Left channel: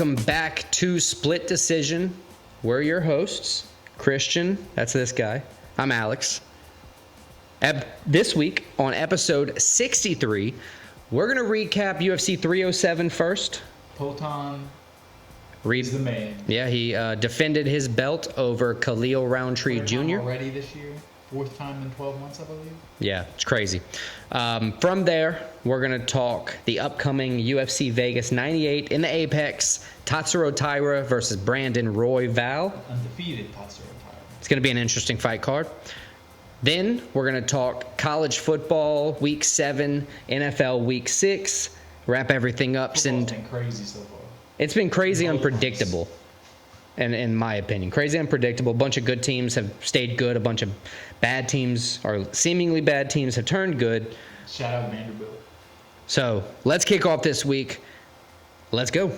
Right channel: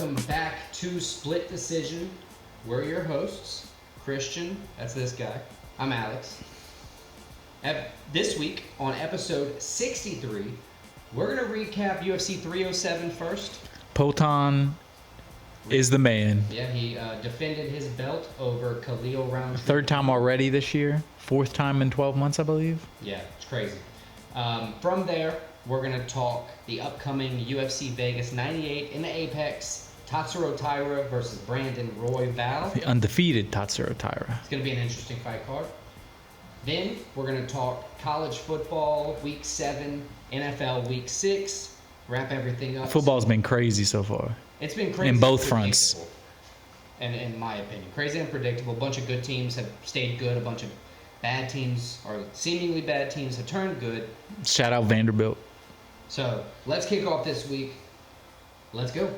welcome back to Split Decision. We're your hosts, Christian, that's this guy. I'm Alex. This week on episode 63, we're going to recap UFC 307 first. Poatan is the man. Yeah, he defended his belt over Khalil Rountree Jr. Third time already this year. Fourth time in 12 months, I believe. Yeah, it's crazy. From there, we're going to talk the upcoming UFC Vegas 98 in the Apex. Tatsuro Taira versus Brandon Royval. The undefeated Tatsuro Taira. It's going to be an interesting fight card. Then we're going to talk college football, Week 7, NFL Week 6, wrap everything up. Football's been crazy so far. It's been crazy and unpredictable. And in my opinion, crazy and unpredictable. A bunch of good teams have stayed good. A bunch of bad teams, or seemingly bad teams, have turned good. Shout out Vanderbilt. So let's kick off this week. Let's go.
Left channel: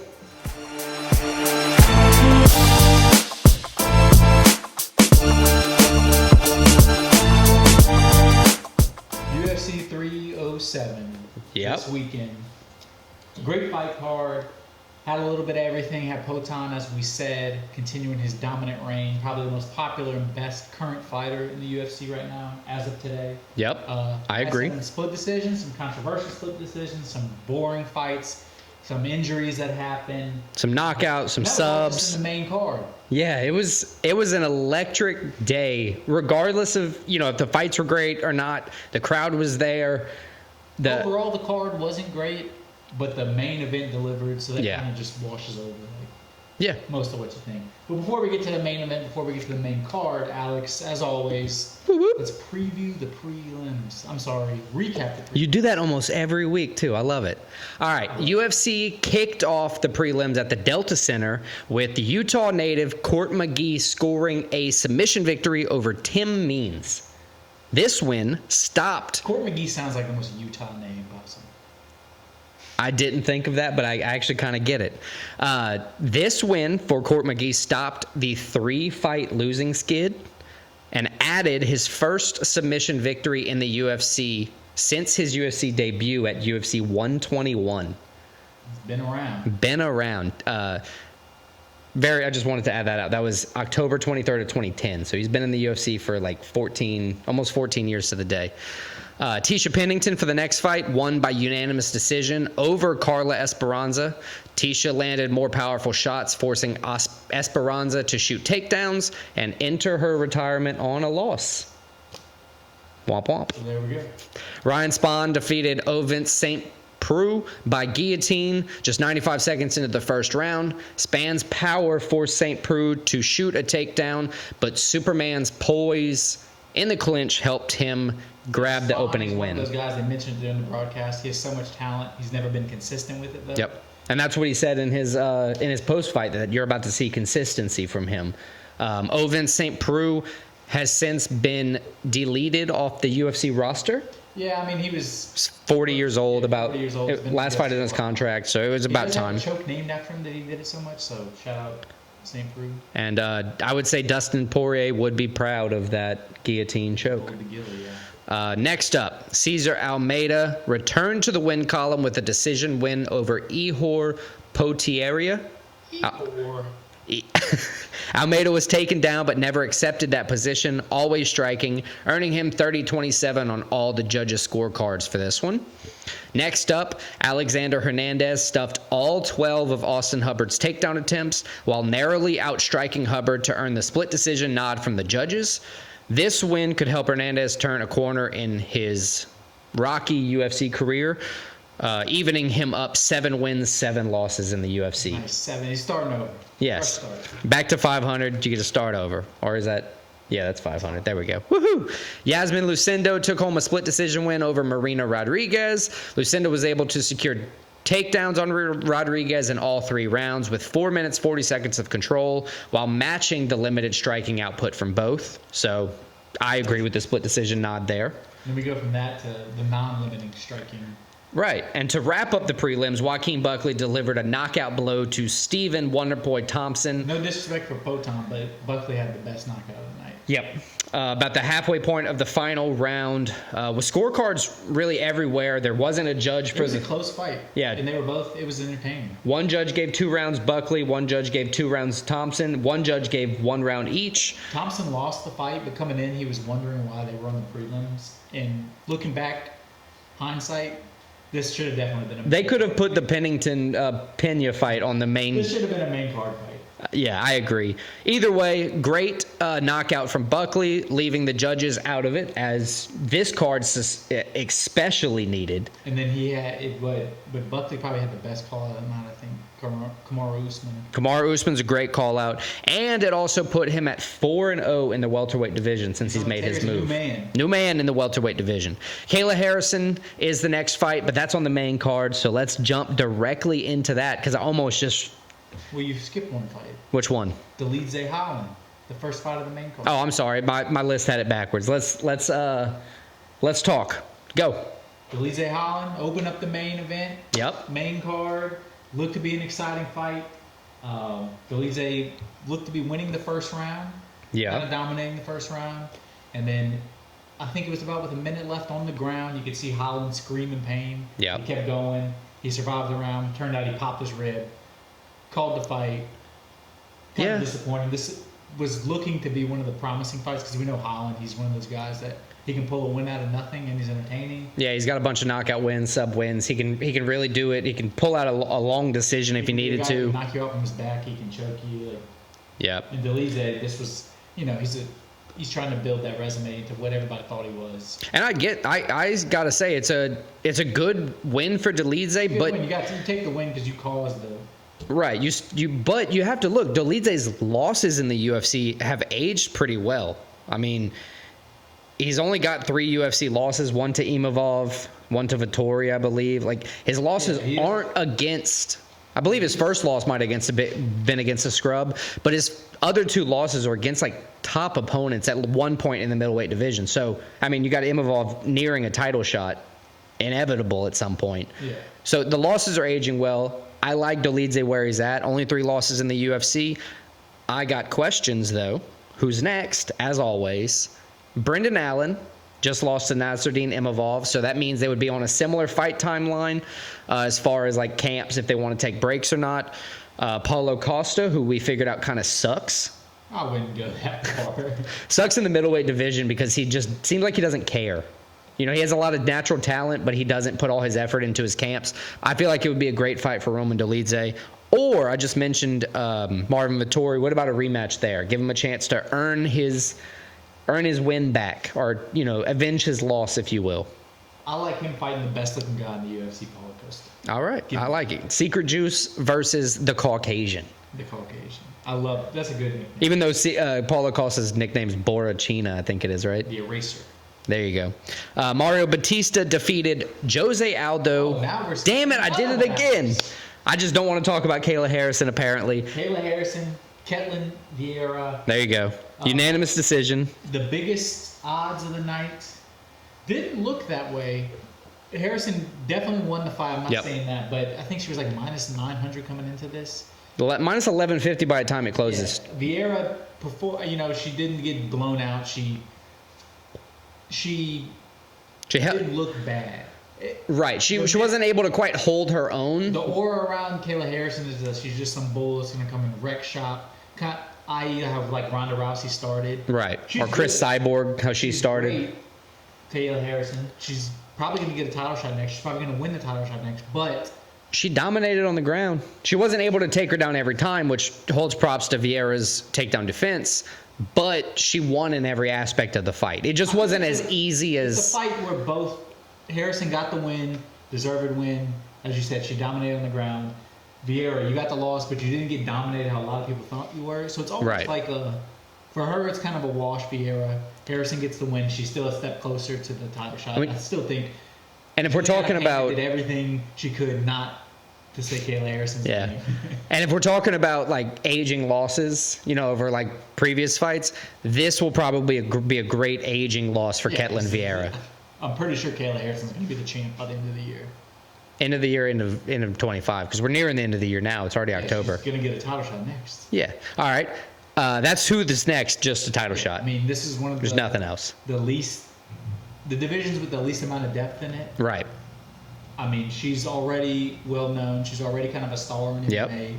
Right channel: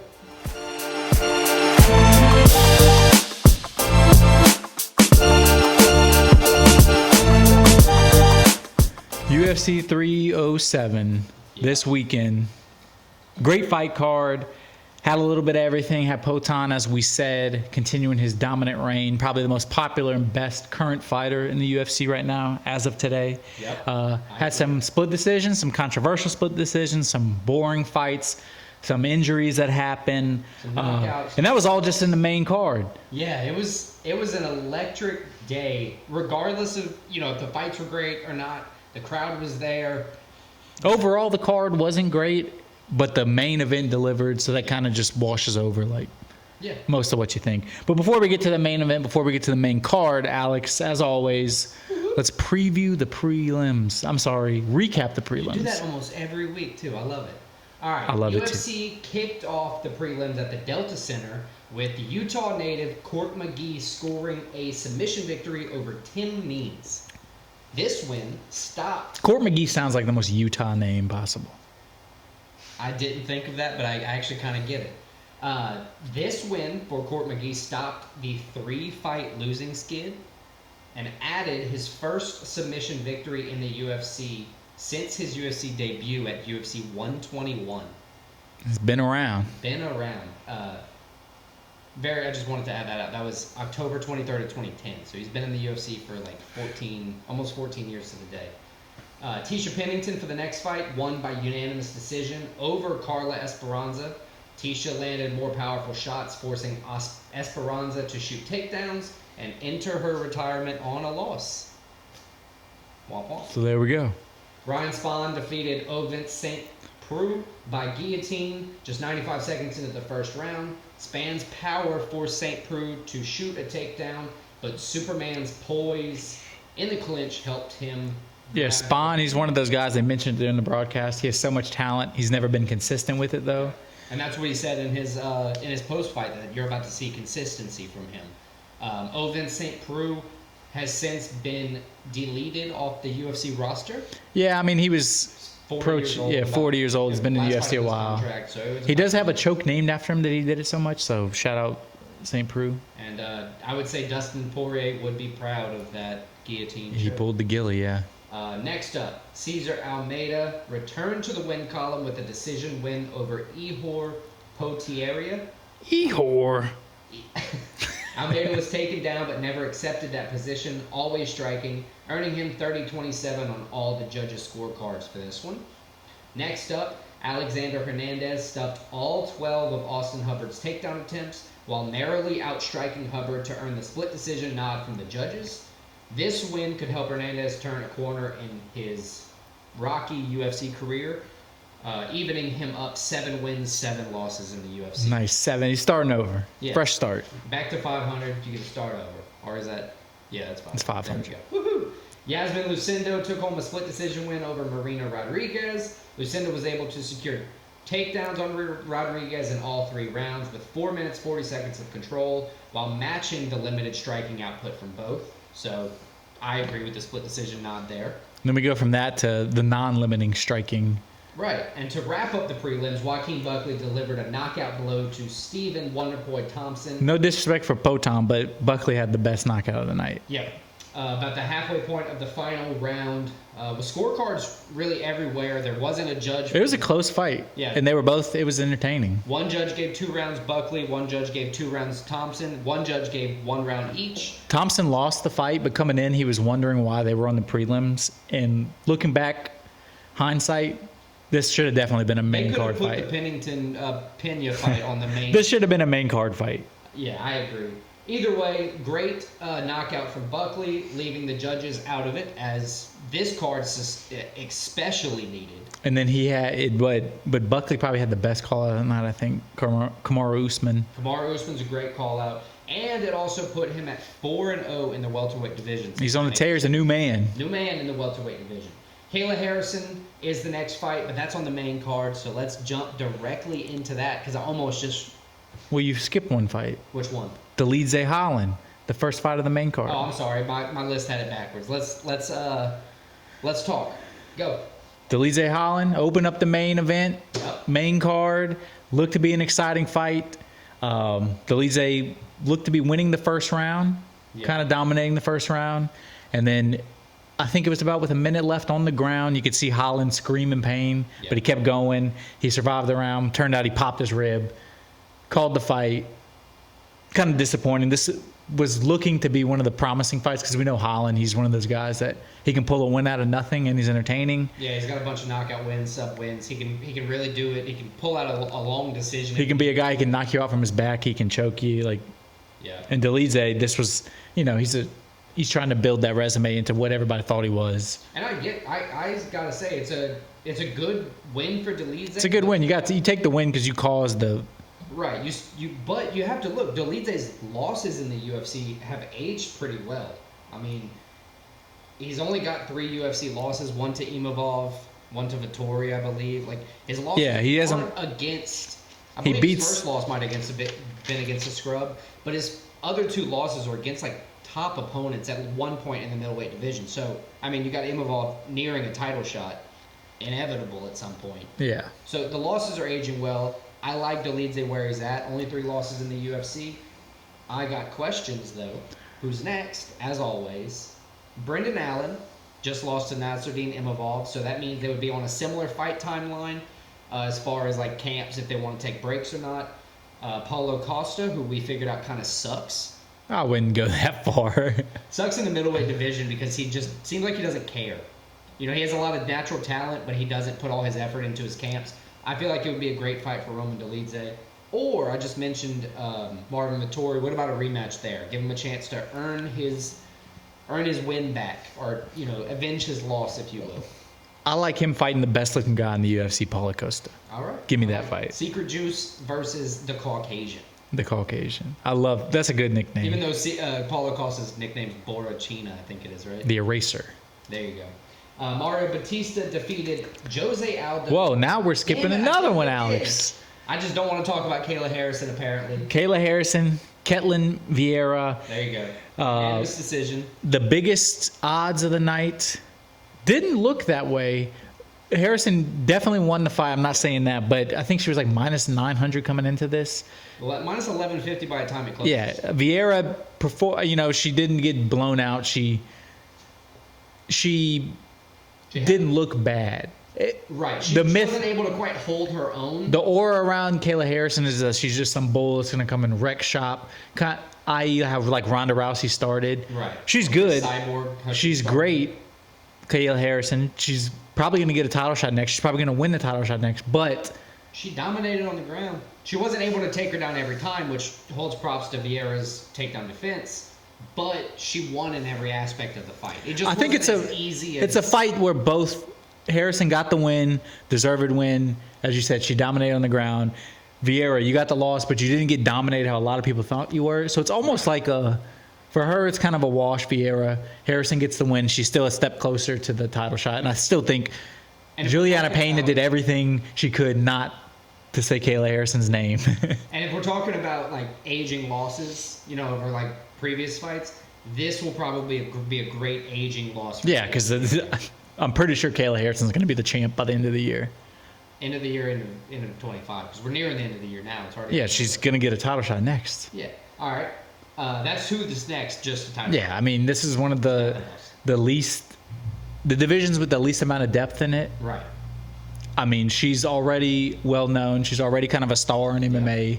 UFC 307 this weekend. Great fight card. Had a little bit of everything. Had Poatan, as we said, continuing his dominant reign. Probably the most popular and best current fighter in the UFC right now, as of today. Yep, I agree. Had some split decisions, some controversial split decisions, some boring fights, some injuries that happened. Some knockouts, some and that was all just subs. in the main card. Yeah, it was an electric day. Regardless of, if the fights were great or not, the crowd was there. Overall, the card wasn't great. But the main event delivered, so that kind of just washes over most of what you think. But before we get to the main event, before we get to the main card, Alex, as always, let's preview the prelims. I'm sorry, recap the prelims. You do that almost every week, too. I love it. All right, UFC kicked off the prelims at the Delta Center with the Utah native Court McGee scoring a submission victory over Tim Means. This win stopped... Court McGee sounds like the most Utah name possible. I didn't think of that, but I actually kind of get it. This win for Court McGee stopped the 3-fight losing skid and added his first submission victory in the UFC since his UFC debut at UFC 121. It's been around. I just wanted to add that out. That was October 23rd of 2010. So he's been in the UFC for like almost 14 years to the day. Tisha Pennington for the next fight won by unanimous decision over Carla Esperanza. Tisha landed more powerful shots, forcing Esperanza to shoot takedowns and enter her retirement on a loss. Womp womp. So there we go. Ryan Spahn defeated Ovince St. Preux by guillotine just 95 seconds into the first round. Spahn's power forced St. Preux to shoot a takedown, but Superman's poise in the clinch helped him grab the opening. He's one of those guys they mentioned during the broadcast. He has so much talent. He's never been consistent with it, though. Yep. And that's what he said in his post-fight, that you're about to see consistency from him. Ovince St. Preux has since been deleted off the UFC roster. Yeah, I mean, he was 40 years old. Yeah, 40 years old. He's been last in the fight of his contract, so it was about He does time. have a choke named after him that he did it so much, so shout out St. Preux. And I would say Dustin Poirier would be proud of that guillotine choke. He pulled the gilly, yeah. Next up, Cesar Almeida returned to the win column with a decision win over Ihor Potieria. Almeida was taken down but never accepted that position, always striking, earning him 30-27 on all the judges' scorecards for this one. Next up, Alexander Hernandez stuffed all 12 of Austin Hubbard's takedown attempts while narrowly outstriking Hubbard to earn the split decision nod from the judges. This win could help Hernandez turn a corner in his rocky UFC career, evening him up 7 wins, 7 losses in the UFC. Nice, 7. He's starting over. Yes. Fresh start. Back to 500. You get to start over. Or is that... Yeah, that's 500. There we go. Woohoo! Yasmin Lucindo took home a split decision win over Marina Rodriguez. Lucindo was able to secure takedowns on Rodriguez in all 3 rounds with 4 minutes, 40 seconds of control while matching the limited striking output from both. So I agree with the split decision nod there. Then we go from that to the non-limiting striking. Right. And to wrap up the prelims, Joaquin Buckley delivered a knockout blow to Stephen Wonderboy Thompson. No disrespect for Poatan, but Buckley had the best knockout of the night. Yep. about the halfway point of the final round, with scorecards really everywhere. There wasn't a judge. It was a close fight. Yeah. And they were both, it was entertaining. One judge gave 2 rounds Buckley. One judge gave 2 rounds Thompson. One judge gave 1 round each. Thompson lost the fight, but coming in, he was wondering why they were on the prelims. And looking back, hindsight, this should have definitely been a main card fight. They could have put the Pennington Pena fight on the main. This should have been a main card fight. Yeah, I agree. Either way, great knockout from Buckley, leaving the judges out of it, as this card especially needed. And then he had it, but Buckley probably had the best call out on that, I think. Kamaru Usman. Kamaru Usman's a great call out, and it also put him at 4-0 in the welterweight division. Since he's on the tear. He's a new man. New man in the welterweight division. Kayla Harrison is the next fight, but that's on the main card, so let's jump directly into that, because I almost just... Well, you skipped one fight. Which one? Dolidze Holland, the first fight of the main card. Oh, I'm sorry. My list had it backwards. Let's talk. Go. Dolidze Holland opened up the main event. Yep. Main card. Looked to be an exciting fight. Dolidze looked to be winning the first round. Yeah. Kind of dominating the first round. And then I think it was about with a minute left on the ground. You could see Holland scream in pain. Yep. But he kept going. He survived the round. Turned out he popped his rib. Called the fight. Kind of disappointing. This was looking to be one of the promising fights because we know Holland. He's one of those guys that he can pull a win out of nothing, and he's entertaining. Yeah, he's got a bunch of knockout wins, sub wins. He can really do it. He can pull out a long decision if he needed to. He can be a guy who can knock you out from his back. He can choke you. Yeah. And Dolidze, this was, he's trying to build that resume into what everybody thought he was. And I gotta say it's a good win for Dolidze. It's a good win. You take the win because you caused the. Right, but you have to look. Dolidze's losses in the UFC have aged pretty well. I mean, he's only got 3 UFC losses: 1 to Imavov, 1 to Vettori, I believe. Like his losses aren't against. I believe his first loss might have been against a scrub, but his other 2 losses are against top opponents at one point in the middleweight division. So I mean, you got Imavov nearing a title shot, inevitable at some point. Yeah. So the losses are aging well. I like Dolidze where he's at. Only 3 losses in the UFC. I got questions, though. Who's next? As always, Brendan Allen just lost to Nasruddin Imavov, so that means they would be on a similar fight timeline as far as camps, if they want to take breaks or not. Paulo Costa, who we figured out kind of sucks. I wouldn't go that far. Sucks in the middleweight division because he just seems like he doesn't care. He has a lot of natural talent, but he doesn't put all his effort into his camps. I feel like it would be a great fight for Roman Dolidze. Or I just mentioned Marvin Vettori. What about a rematch there? Give him a chance to earn his win back, or avenge his loss, if you will. I like him fighting the best-looking guy in the UFC, Paulo Costa. All right, give me that like fight. It. Secret Juice versus the Caucasian. The Caucasian. That's a good nickname. Even though Paulo Costa's nickname's Borrachina, I think it is, right? The Eraser. There you go. Mario Batista defeated Jose Aldo. Whoa, now we're skipping Damn it, another I did it one, again. Alex. I just don't want to talk about Kayla Harrison, apparently. Kayla Harrison, Ketlin Vieira. There you go. Unanimous decision. The biggest odds of the night didn't look that way. Harrison definitely won the fight. I'm not saying that, but I think she was minus 900 coming into this. Well, minus 1150 by the time it closes. Yeah, Vieira, she didn't get blown out. She didn't look bad. Right. She wasn't able to quite hold her own. The aura around Kayla Harrison is that she's just some bull that's going to come and wreck shop. I.e. how Ronda Rousey started. Right. She's good. Chris Cyborg, how she started. Great. Kayla Harrison. She's probably going to get a title shot next. She's probably going to win the title shot next. But she dominated on the ground. She wasn't able to take her down every time, which holds props to Vieira's takedown defense. But she won in every aspect of the fight. It just wasn't as easy as... It's a fight where both... Harrison got the win, deserved win. As you said, she dominated on the ground. Vieira, you got the loss, but you didn't get dominated how a lot of people thought you were. So it's almost for her, it's kind of a wash. Vieira. Harrison gets the win. She's still a step closer to the title shot. And I still think Juliana Pena did everything she could not to say Kayla Harrison's name. And if we're talking about aging losses, over previous fights, this will probably be a great aging loss for Ketlin Vieira. I'm pretty sure Kayla Harrison's going to be the champ by the end of the year. End of the year, end of 25, because we're nearing the end of the year now. It's already October. Yeah, she's going to get a title shot next. Yeah. All right. That's who this next, just a title shot. I mean, this is one of There's nothing else. The divisions with the least amount of depth in it. Right. I mean, she's already well known. She's already kind of a star in MMA.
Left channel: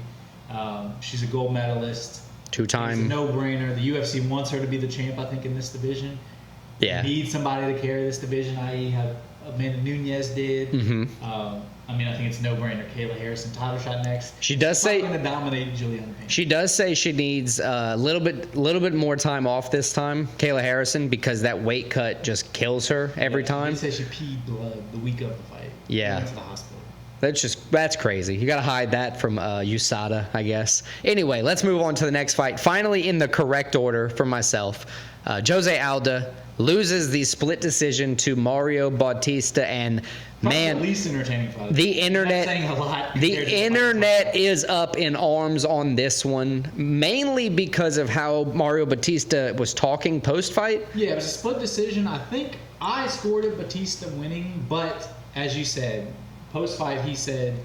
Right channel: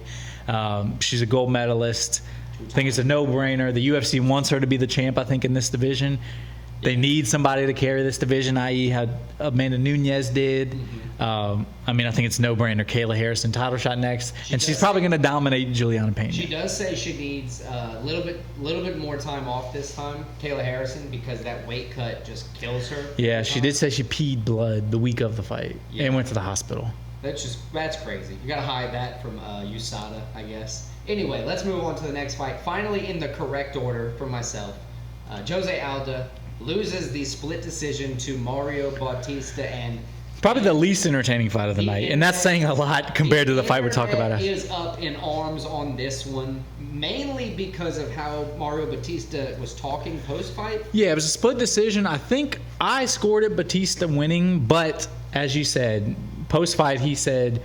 She's a gold medalist. Two-time. I think it's a no-brainer. The UFC wants her to be the champ, I think, in this division. They need somebody to carry this division, i.e. how Amanda Nunes did. Mm-hmm. I mean, I think it's no-brainer. Kayla Harrison, title shot next. She's probably going to dominate Juliana Pena. She does say she needs a little bit more time off this time, Kayla Harrison, because that weight cut just kills her every time. She did say she peed blood the week of the fight. Yeah. And went to the hospital. That's crazy. You got to hide that from USADA, I guess. Anyway, let's move on to the next fight. Finally, in the correct order for myself, Jose Aldo loses the split decision to Mario Bautista, and probably the least entertaining fight of the night, and that's saying a lot compared to the fight we talked about. The internet is up in arms on this one, mainly because of how Mario Bautista was talking post-fight. Yeah, it was a split decision. I think I scored it Bautista winning, but as you said, post-fight he said,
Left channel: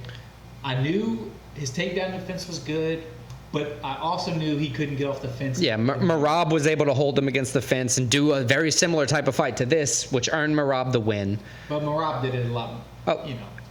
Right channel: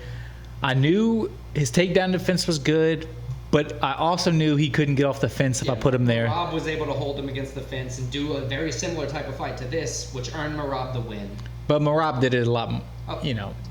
I knew his takedown defense was good, but I also knew he couldn't get off the fence if I put him there. Merab was able to hold him against the fence and do a very similar type of fight to this, which earned Merab the win. But Merab did it a lot,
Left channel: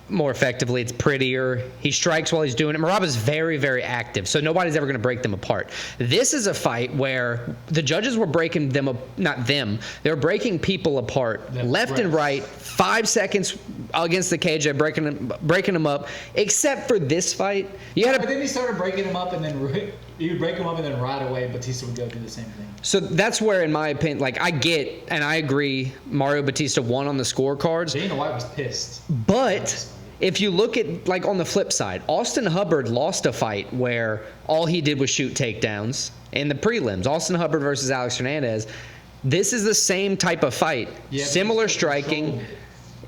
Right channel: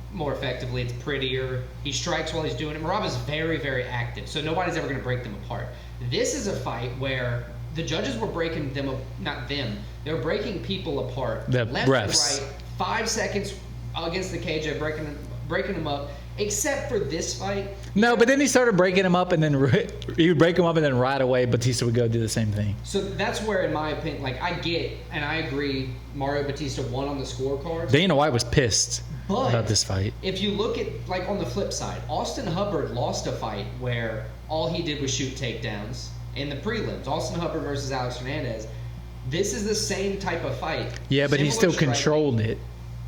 more effectively. It's prettier. He strikes while he's doing it. Merab is very, very active, so nobody's ever going to break them apart. This is a fight where the judges were breaking them, not them, they were breaking people apart, left and right, 5 seconds against the cage, breaking them up, except for this fight. But then he started breaking them up, and then he would break them up, and then right away Batista would go do the same thing. So that's where, in my opinion, I get and I agree, Mario Bautista won on the scorecards. Dana White was pissed about this fight. If you look at, on the flip side, Austin Hubbard lost a fight where all he did was shoot takedowns in the prelims. Austin Hubbard versus Alex Hernandez. This is the same type of fight. Yeah, but he still controlled it.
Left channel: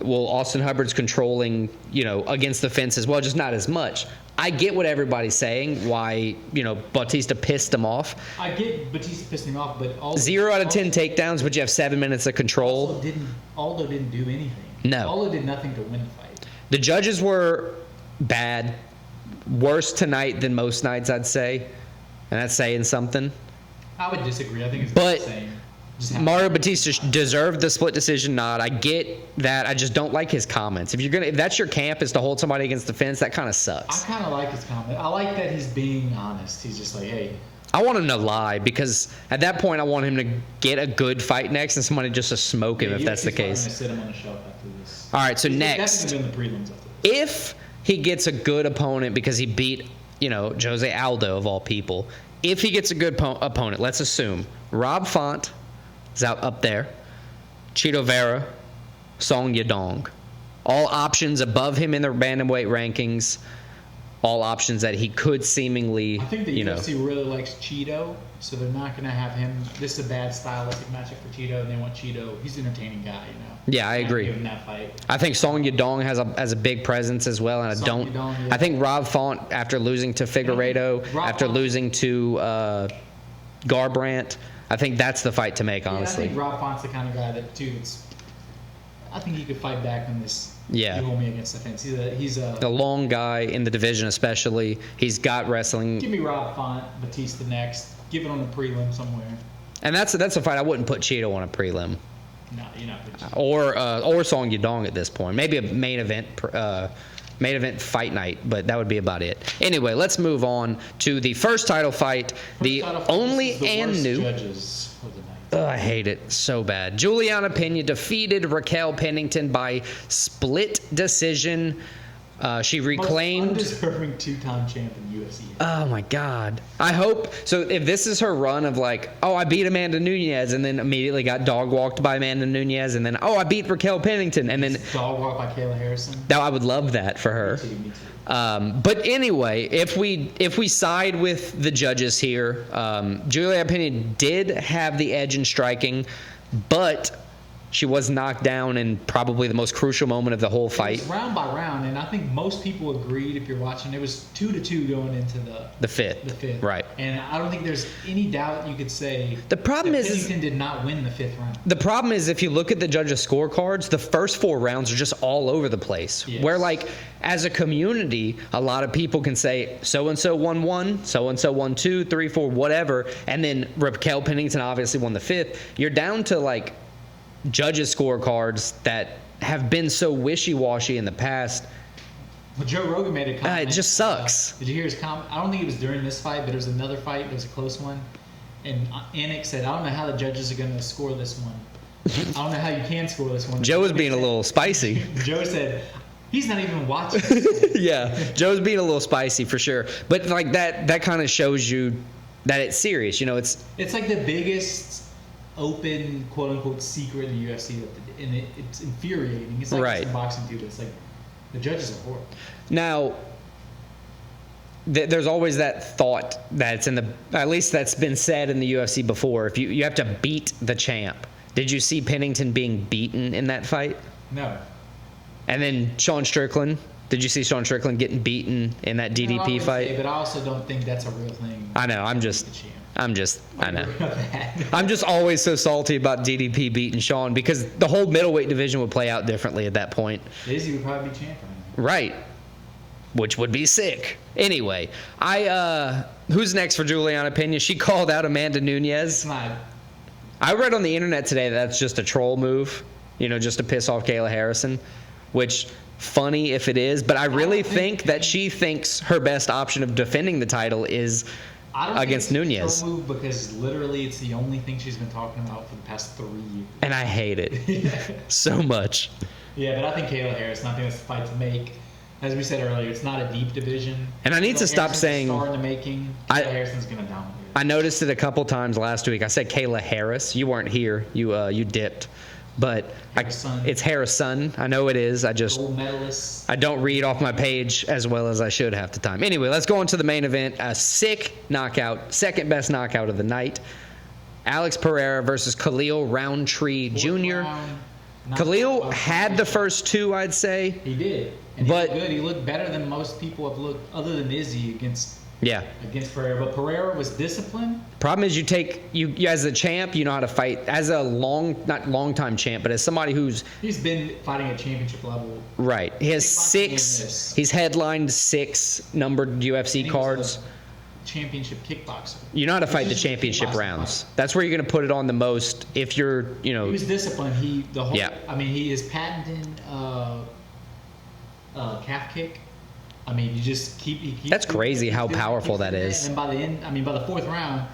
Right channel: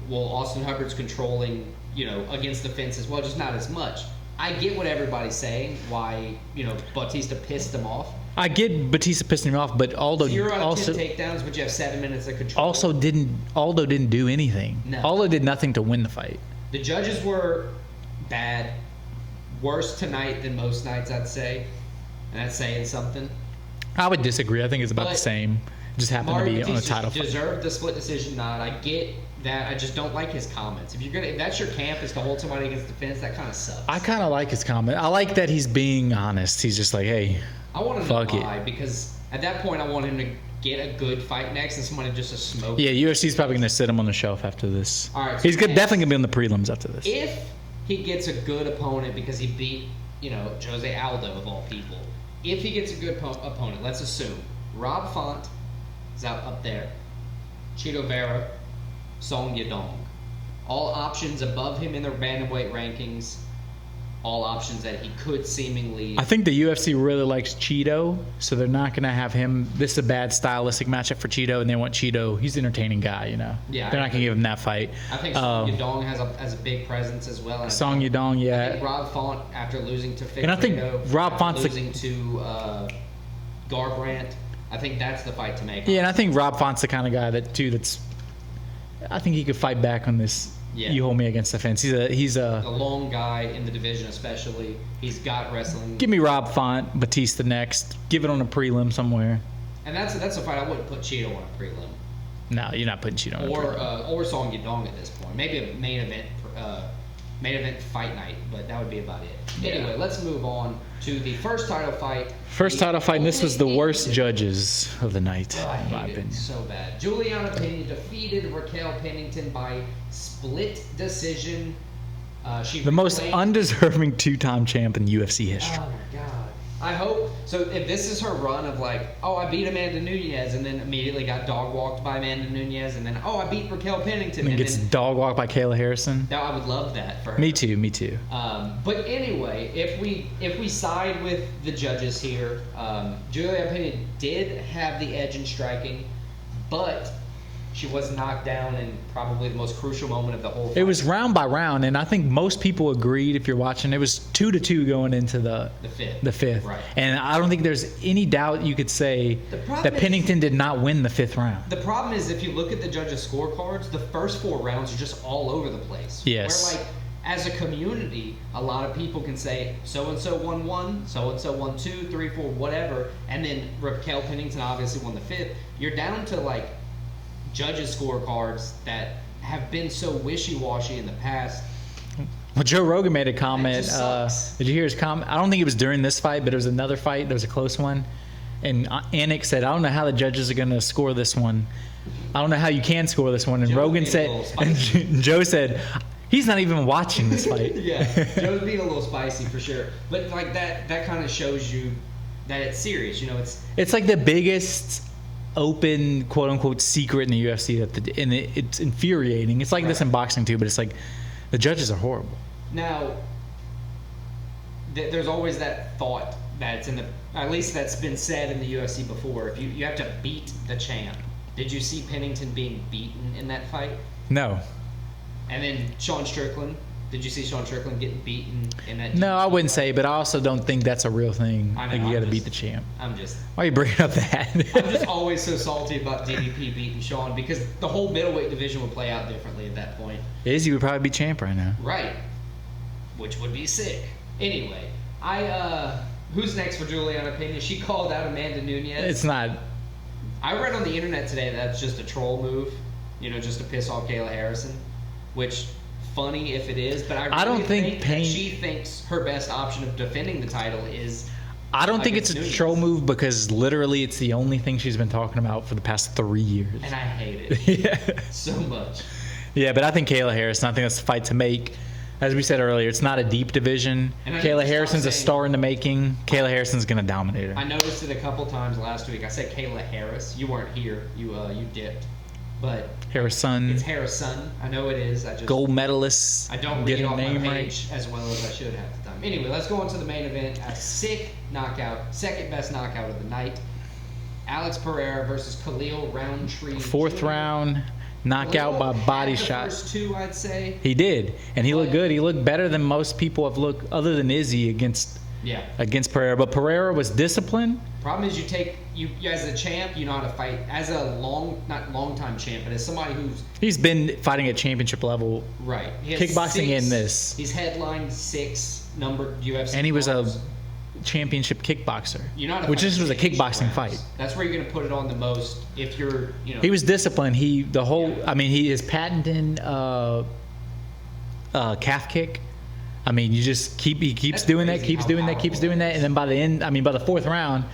Well, Austin Hubbard's controlling, against the fence as well, just not as much. I get what everybody's saying, why, Bautista pissed him off. I get Bautista pissing him off, but Aldo... 0 out of 10 takedowns, but you have 7 minutes of control. Aldo didn't do anything. No. Aldo did nothing to win the fight. The judges were bad. Worse tonight than most nights, I'd say. And that's saying something. I would disagree. I think it's about the same. Mario Bautista deserved the split decision nod. I get that. I just don't like his comments. If that's your camp, is to hold somebody against the fence, that kind of sucks. I kind of like his comment. I like that he's being honest. He's just like, hey, I want him to lie, because at that point I want him to get a good fight next and somebody just to smoke it. Yeah, UFC's probably going to sit him on the shelf after this. All right, so he's definitely going to be on the prelims after this. If he gets a good opponent because he beat, Jose Aldo of all people, if he gets a good opponent, let's assume Rob Font is out up there, Chito Vera, Song Yadong, all options above him in the bantamweight rankings, all options that he could seemingly... I think the UFC really likes Chito, so they're not going to have him... This is a bad stylistic matchup for Chito, and they want Chito. He's an entertaining guy, Yeah, I agree. They're not going to give him that fight. I think Song Yadong has a big presence as well. And Yadong, yeah. I think Rob Font, after losing to Figueiredo, after losing to Garbrandt, I think that's the fight to make, honestly. Yeah, and I think Rob Font's the kind of guy I think he could fight back on this. Yeah. You hold me against the fence. He's a long guy in the division, especially. He's got wrestling. Give me Rob Font, Batista next. Give it on a prelim somewhere. And that's a fight I wouldn't put Chito on a prelim. No, you're not putting Chito on or Song Yadong at this point. Maybe a main event fight night, but that would be about it. Anyway, let's move on to the first title fight. This was the worst judges of the night. I hate it so bad. Juliana Pena defeated Raquel Pennington by split decision. She reclaimed... most undeserving two-time champ in UFC history. Oh, my God. I hope... So, if this is her run of I beat Amanda Nunes, and then immediately got dog-walked by Amanda Nunes, and then, I beat Raquel Pennington, and then... dog-walked by Kayla Harrison. Now, I would love that for her. Me too. But anyway, if we side with the judges here, Juliana Pena did have the edge in striking, but... she was knocked down in probably the most crucial moment of the whole fight. It was round by round, and I think most people agreed, if you're watching, it was 2-2 going into the fifth. The fifth. Right. And I don't think there's any doubt you could say that Pennington did not win the fifth round. The problem is, if you look at the judges' scorecards, the first 4 rounds are just all over the place. Yes. Where, as a community, a lot of people can say so-and-so won 1, so-and-so won 2, 3, 4, whatever, and then Raquel Pennington obviously won the 5th. You're down to, like, judges' scorecards that have been so wishy-washy in the past. Well, Joe Rogan made a comment. It just sucks. Did you hear his comment? I don't think it was during this fight, but it was another fight. It was a close one. And Anik said, I don't know how the judges are going to score this one. I don't know how you can score this one. And Joe was Rogan being a little spicy. Joe said, he's not even watching this fight. Yeah, Joe's being a little spicy for sure. But like that kind of shows you that it's serious. You know, it's like the biggest open, quote unquote, secret in the UFC. And it's infuriating. It's like this in boxing too, but it's like the judges are horrible. Now, there's always that thought that it's at least that's been said in the UFC before. If you have to beat the champ. Did you see Pennington being beaten in that fight? No. And then Sean Strickland. Did you see Sean Strickland getting beaten in that DDP fight? No, I wouldn't say, but I also don't think that's a real thing. I know. I'm just beat the champ. Why are you bringing up that? I'm just always so salty about DDP beating Sean because the whole middleweight division would play out differently at that point. Izzy would probably be champ right now. Right. Which would be sick. Anyway, who's next for Juliana Pena? She called out Amanda Nunes. It's not. I read on the internet today that that's just a troll move, just to piss off Kayla Harrison, which funny if it is, but I really think that she thinks her best option of defending the title is I don't think it's Nunes. A troll move because literally it's the only thing she's been talking about for the past 3 years. And I hate it so much. Yeah, but I think Kayla Harrison, I think that's the fight to make. As we said earlier, it's not a deep division. And I need to stop saying... a star in the making. Kayla Harrison's going to dominate it. I noticed it a couple times last week. I said Kayla Harris. You weren't here. You dipped. But Harrison. It's Harrison. I know it is. I just... Gold medalist. I don't read off my page as well as I should half the time. Anyway, let's go on to the main event. A sick knockout. Second best knockout of the night. Alex Pereira versus Khalil Rountree Jr. Fourth round. Khalil had the first 2, I'd say. He did, and he looked good. He looked better than most people have looked, other than Izzy against Pereira. But Pereira was disciplined. Problem is, you as a champ, you know how to fight. As a not long time champ, but as somebody he's been fighting at championship level. Right. He has kickboxing in this. He's headlined 6 numbered UFC and he cards. Was a championship kickboxer. You know how to fight the championship rounds. Fight. That's where you're going to put it on the most. If you're, he was disciplined. He is patenting calf kick. I mean, you just he keeps That's doing crazy that, keeps how doing powerful that, keeps doing that, and then by the end, by the 4th round,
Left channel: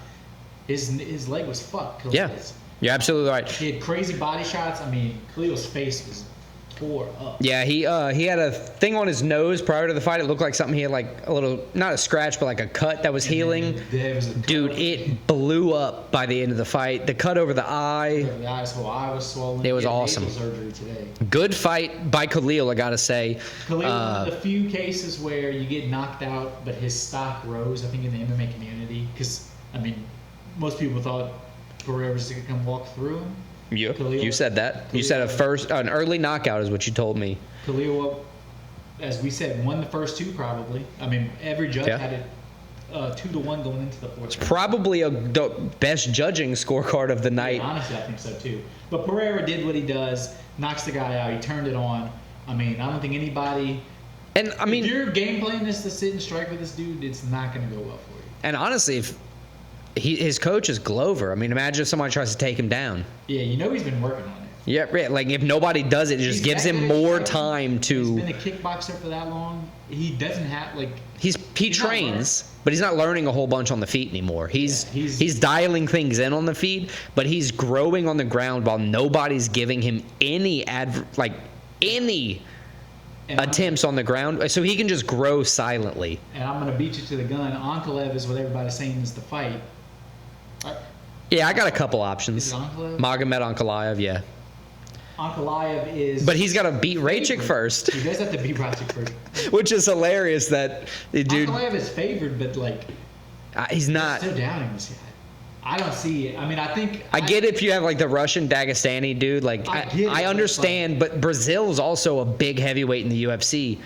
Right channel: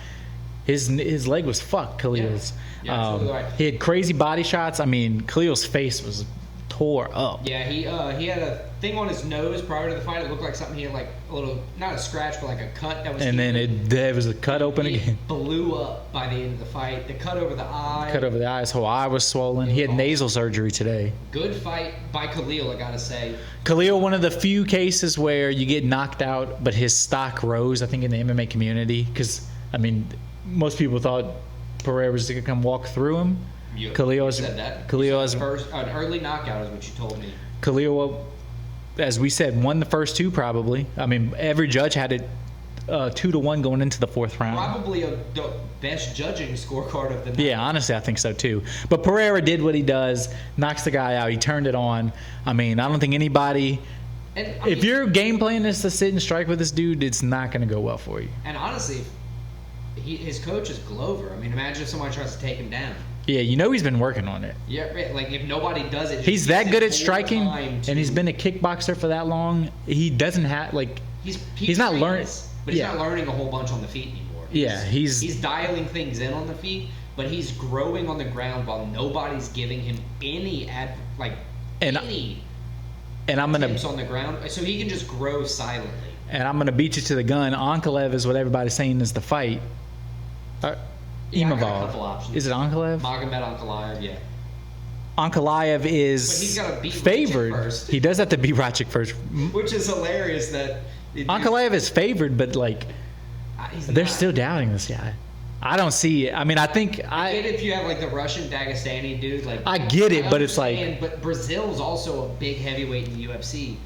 his leg was fucked. Khalil's. Yeah. You're absolutely right. He had crazy body shots. I mean, Khalil's face was tore up. Yeah, he had a thing on his nose prior to the fight. It looked like something he had, like a little, not a scratch, but like a cut that was healing. There was a cut opening. It blew up by the end of the fight. The cut over the eye. His whole eye was swollen. It was he had awesome. Nasal surgery today. Good fight by Khalil, I gotta say. Khalil, one of the few cases where you get knocked out, but his stock rose, I think, in the MMA community. Because, most people thought Pereira was going to come walk through him. You said that. You said his first, an early knockout is what you told me. Khalil, as we said, won the first 2 probably. Every judge had it 2-1 going into the 4th round. Probably the best judging scorecard of the night. Yeah, honestly, I think so too. But Pereira did what he does, knocks the guy out. He turned it on. I don't think anybody... And if your game plan is to sit and strike with this dude, it's not going to go well for you. And honestly, his coach is Glover. imagine if someone tries to take him down. Yeah, he's been working on it. Yeah, like if nobody does it, it just gives him more time to. And he's been a kickboxer for that long. He doesn't have he trains, not learning, but he's not learning a whole bunch on the feet anymore. He's dialing things in on the feet, but he's growing on the ground while nobody's giving him any attempts on the ground, so he can just grow silently. And I'm going to beat you to the gun. Ankalaev is what everybody's saying is the fight. I got a couple options. Is it Ankalaev? Magomed Ankalaev, yeah. Ankalaev is... But he's got to beat Rajcic first. He does have to beat Rajcic first. Which is hilarious that... Ankalaev is favored, but he's not... They're still doubting this guy. I don't see it. I get it if you have the Russian Dagestani dude. I get it. I understand, but Brazil's also a big heavyweight in the UFC.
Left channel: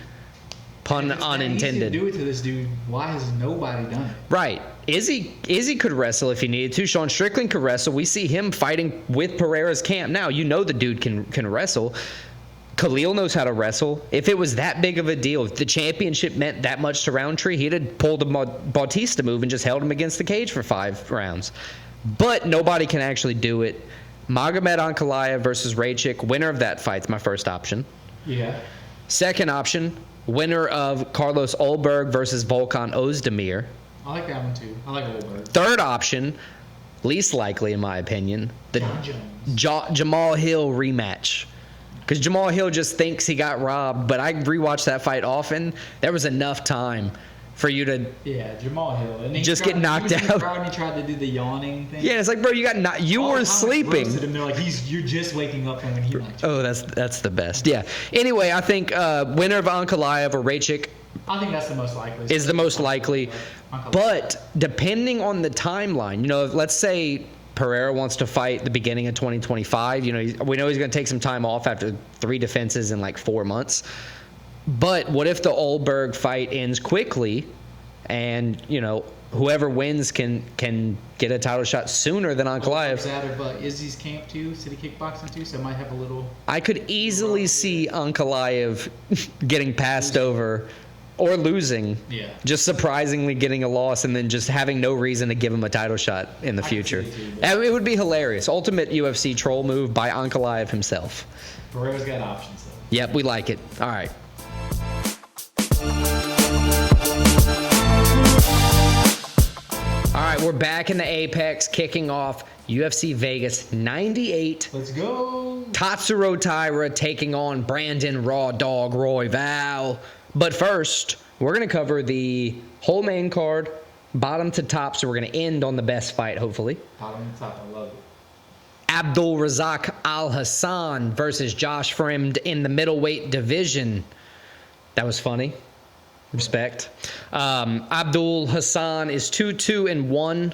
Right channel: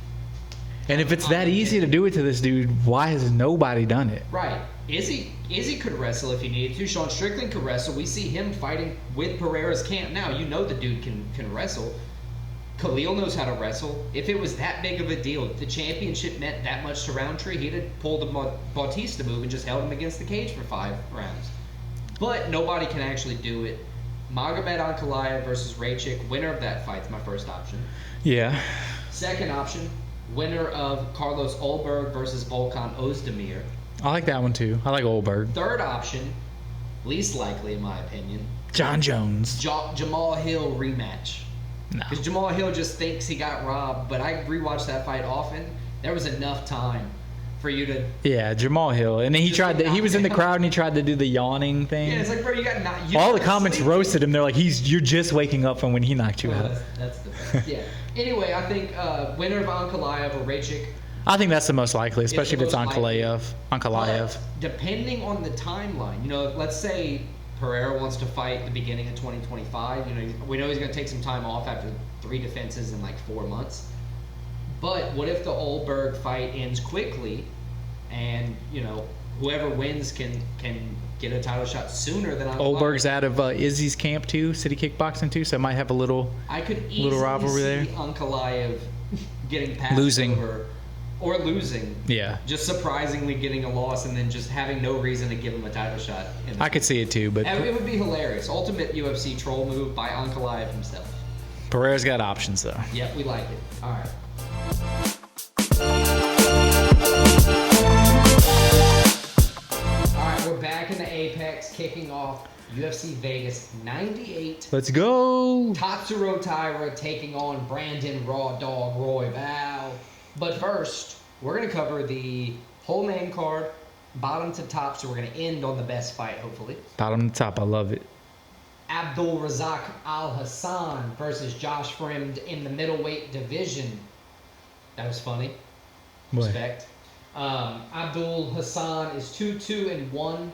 And if it's that easy to do it to this dude, why has nobody done it? Right. Izzy could wrestle if he needed to. Sean Strickland could wrestle. We see him fighting with Pereira's camp now. The dude can wrestle. Khalil knows how to wrestle. If it was that big of a deal, if the championship meant that much to Rountree, he'd have pulled a Bautista move and just held him against the cage for 5 rounds. But nobody can actually do it. Magomed Ankalaev versus Raychik, winner of that fight's my first option. Yeah. Second option, winner of Carlos Ulberg versus Volkan Ozdemir. I like that one too. I like Ulberg. Third option, least likely in my opinion, John Jones. Jamal Hill rematch. Because Jamal Hill just thinks he got robbed, but I rewatched that fight often. There was enough time for you to Jamal Hill, and then he was in the crowd and he tried to do the yawning thing. Yeah, it's like, bro, you all were the comments sleeping. Roasted him. They're like, you're just waking up from when he knocked you out. Oh, that's the best. Yeah. Anyway, I think winner of Ankalaev or Raychik. I think that's the most likely. Is the most likely. Ankalaev. But depending on the timeline, let's say Pereira wants to fight the beginning of 2025. We know he's going to take some time off after 3 defenses in like 4 months. But what if the Ulberg fight ends quickly, and whoever wins can get a title shot sooner than Ankalaev? Ulberg's out of Izzy's camp too, City Kickboxing too, so it might have a little. I could easily see Ankalaev getting passed over. Or losing. Yeah. Just surprisingly getting a loss and then just having no reason to give him a title shot in the future. I could see it too. But it would be hilarious. Ultimate UFC troll move by Ankalaev himself. Pereira's got options, though. Yep, we like it. All right. All right, we're back in the Apex, kicking off UFC Vegas 98. Let's go. Tatsuro Taira taking on Brandon RawDawg Royval. But first, we're going to cover the whole main card, bottom to top, so we're going to end on the best fight, hopefully. Bottom to top, I love it. Abdul Razak Al Hassan versus Josh Fremd in the middleweight division. That was funny. Respect. Abdul Hassan is 2-2-1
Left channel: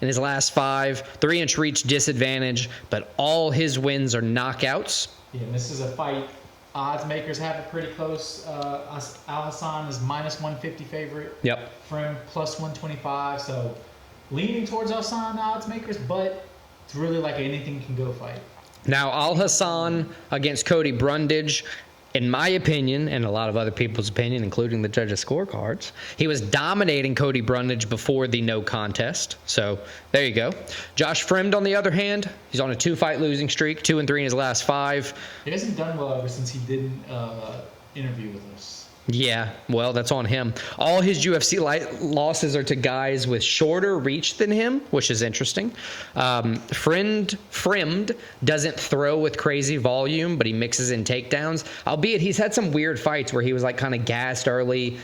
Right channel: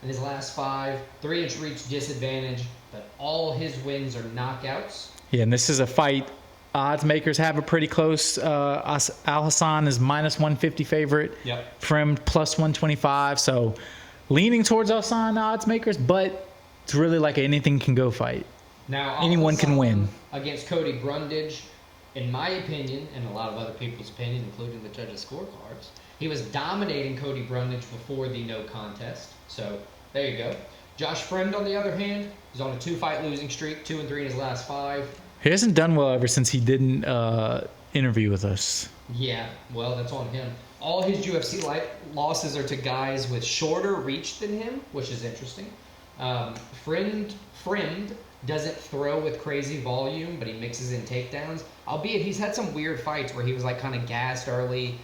in his last 5. 3-inch reach disadvantage, but all his wins are knockouts. Yeah, and this is a fight. Odds makers have a pretty close. Al Hassan is -150 favorite. Yep. Fremd +125. So leaning towards Hassan odds makers, but it's really like anything can go fight. Now Al Hassan against Cody Brundage. In my opinion, and a lot of other people's opinion, including the judges' scorecards, he was dominating Cody Brundage before the no contest. So there you go. Josh Fremd, on the other hand, he's on a 2-fight losing streak, 2-3 in his last 5. He hasn't done well ever since he didn't interview with us. Yeah, well, that's on him. All his UFC losses are to guys with shorter reach than him, which is interesting. Fremd doesn't throw with crazy volume, but he mixes in takedowns. Albeit he's had some weird fights where he was like kind of gassed early,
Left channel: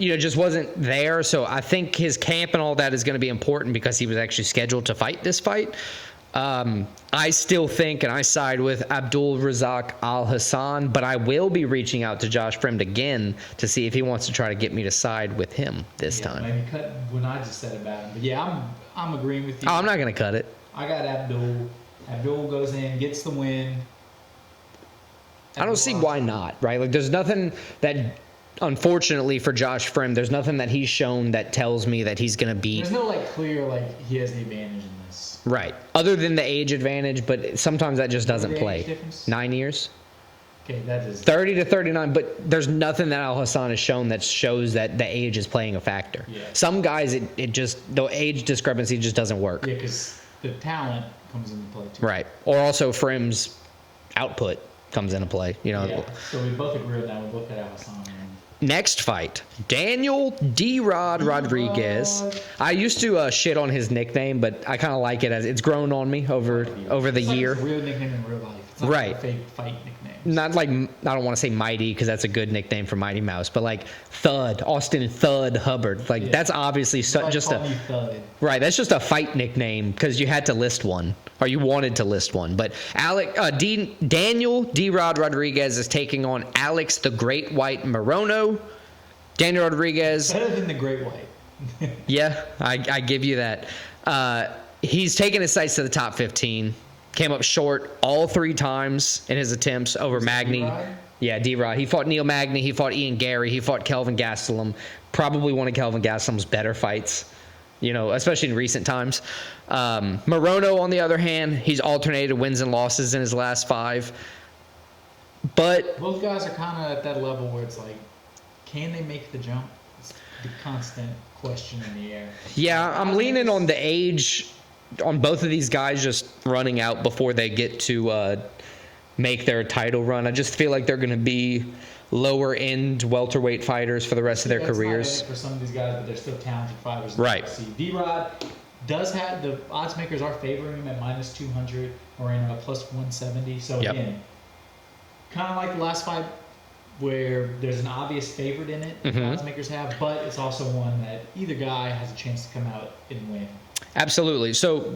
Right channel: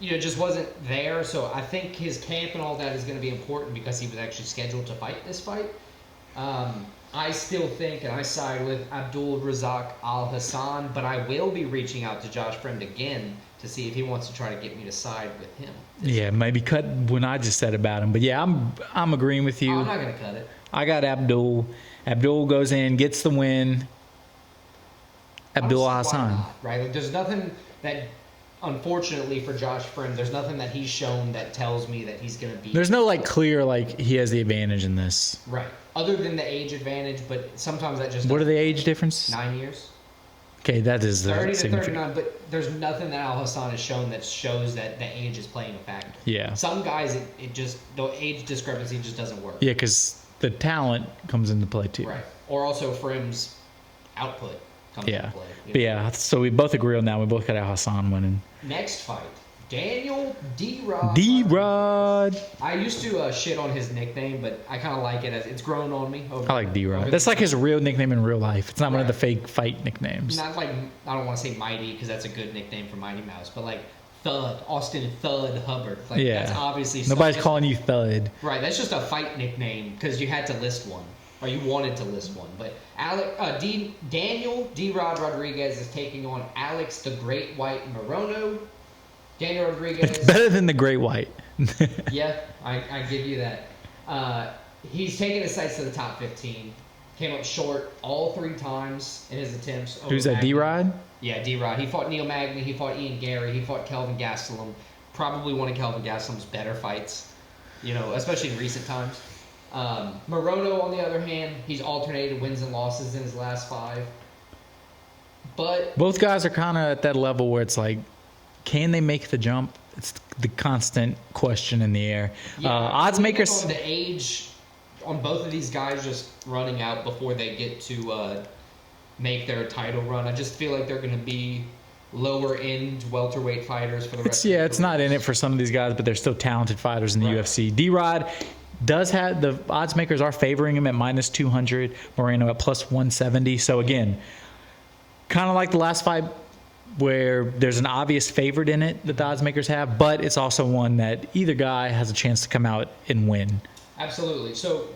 just wasn't there. So I think his camp and all that is going to be important because he was actually scheduled to fight this fight. I still think, and I side with Abdul Razak Al Hassan, but I will be reaching out to Josh Fremd again to see if he wants to try to get me to side with him this time. Yeah, maybe cut what I just said about him. But yeah, I'm agreeing with you. Oh, I'm not going to cut it. I got Abdul. Abdul goes in, gets the win. I don't see why not, right? Like, there's nothing that, unfortunately for Josh Fremd, there's nothing that he's shown that tells me that he's going to beat. There's no clear he has the advantage in this. Right. Other than the age advantage, but sometimes that just doesn't play. What are the age difference? 9 years. Okay, that is 30 to 39, but there's nothing that Al Hassan has shown that shows that the age is playing a factor. Yeah. Some guys, the age discrepancy just doesn't work. Yeah, because the talent comes into play too. Right. Or also Fremd's output comes into play. Yeah, so we both agree on that. We both got Al Hassan winning. Next fight, Daniel D-Rod Rodriguez. I used to shit on his nickname, but I kind of like it as it's grown on me over the year. That's like his real nickname in real life. It's not like the fake fight nicknames. Not like, I don't want to say Mighty because that's a good nickname for Mighty Mouse, but like Thud, Austin Thud Hubbard. That's obviously nobody's calling you Thud. Right, that's just a fight nickname because you had to list one. Or you wanted to list one. But Daniel D-Rod Rodriguez is taking on Alex the Great White Morono. Daniel Rodriguez. It's better than the Great White. Yeah, I give you that. He's taken his sights to the top 15. Came up short all 3 times in his attempts over Magny. D-Rod? Yeah, D-Rod. He fought Neil Magny. He fought Ian Gary. He fought Kelvin Gastelum. Probably one of Kelvin Gastelum's better fights, especially in recent times. Morono, on the other hand, he's alternated wins and losses in his last 5. But both guys are kind of at that level where it's like, can they make the jump? It's the constant question in the air. yeah, I'm odds leaning makers on the age on both of these guys just running out before they get to make their title run. I just feel like they're going to be lower end welterweight fighters for the rest of their careers. It's not in it for some of these guys, but they're still talented fighters in the UFC. D-Rod does have the odds makers are favoring him at -200, Moreno at +170. So again, kind of like the last fight where there's an obvious favorite in it that the odds makers have, but it's also one that either guy has a chance to come out and win. Absolutely. So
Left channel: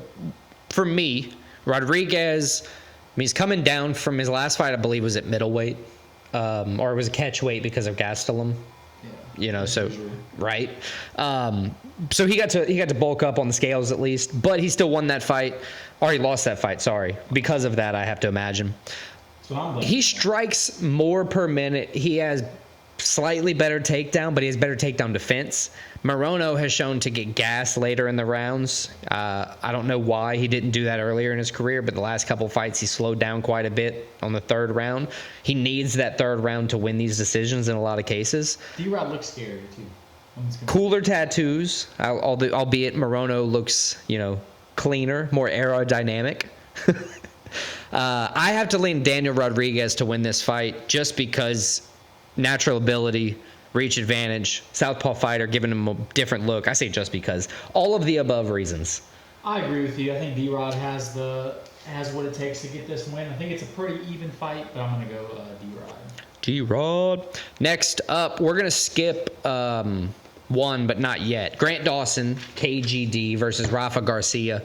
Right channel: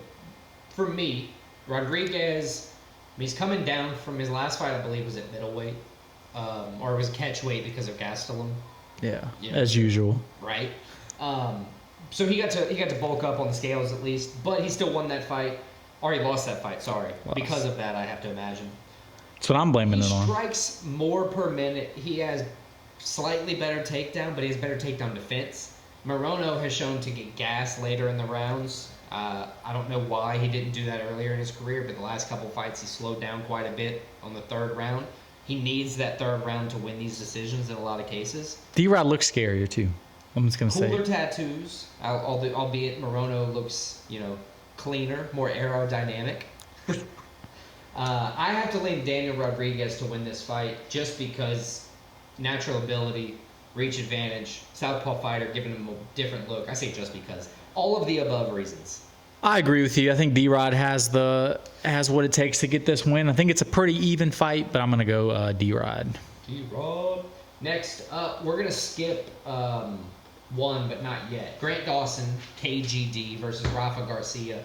for me, Rodriguez, he's coming down from his last fight, I believe, was at middleweight, or it was a catch weight because of Gastelum. Yeah, as usual. Right. So he got to bulk up on the scales at least, but he still won that fight. Or he lost that fight, sorry. Because of that, I have to imagine. That's what I'm blaming He it on. strikes more per minute. He has slightly better takedown, but he has better takedown defense. Moreno has shown to get gas later in the rounds. I don't know why he didn't do that earlier in his career, but the last couple fights he slowed down quite a bit on the third round. He needs that third round to win these decisions in a lot of cases. D-Rod looks scarier too. I'm just gonna Cooler say. Tattoos, albeit Moreno looks, cleaner, more aerodynamic. I have to lean Daniel Rodriguez to win this fight just because natural ability, reach advantage, southpaw fighter giving him a different look. I say just because. All of the above reasons. I agree with you. I think D-Rod has what it takes to get this win. I think it's a pretty even fight, but I'm going to go D-Rod. D-Rod. Next up, we're going to skip one, but not yet. Grant Dawson, KGD versus Rafa Garcia.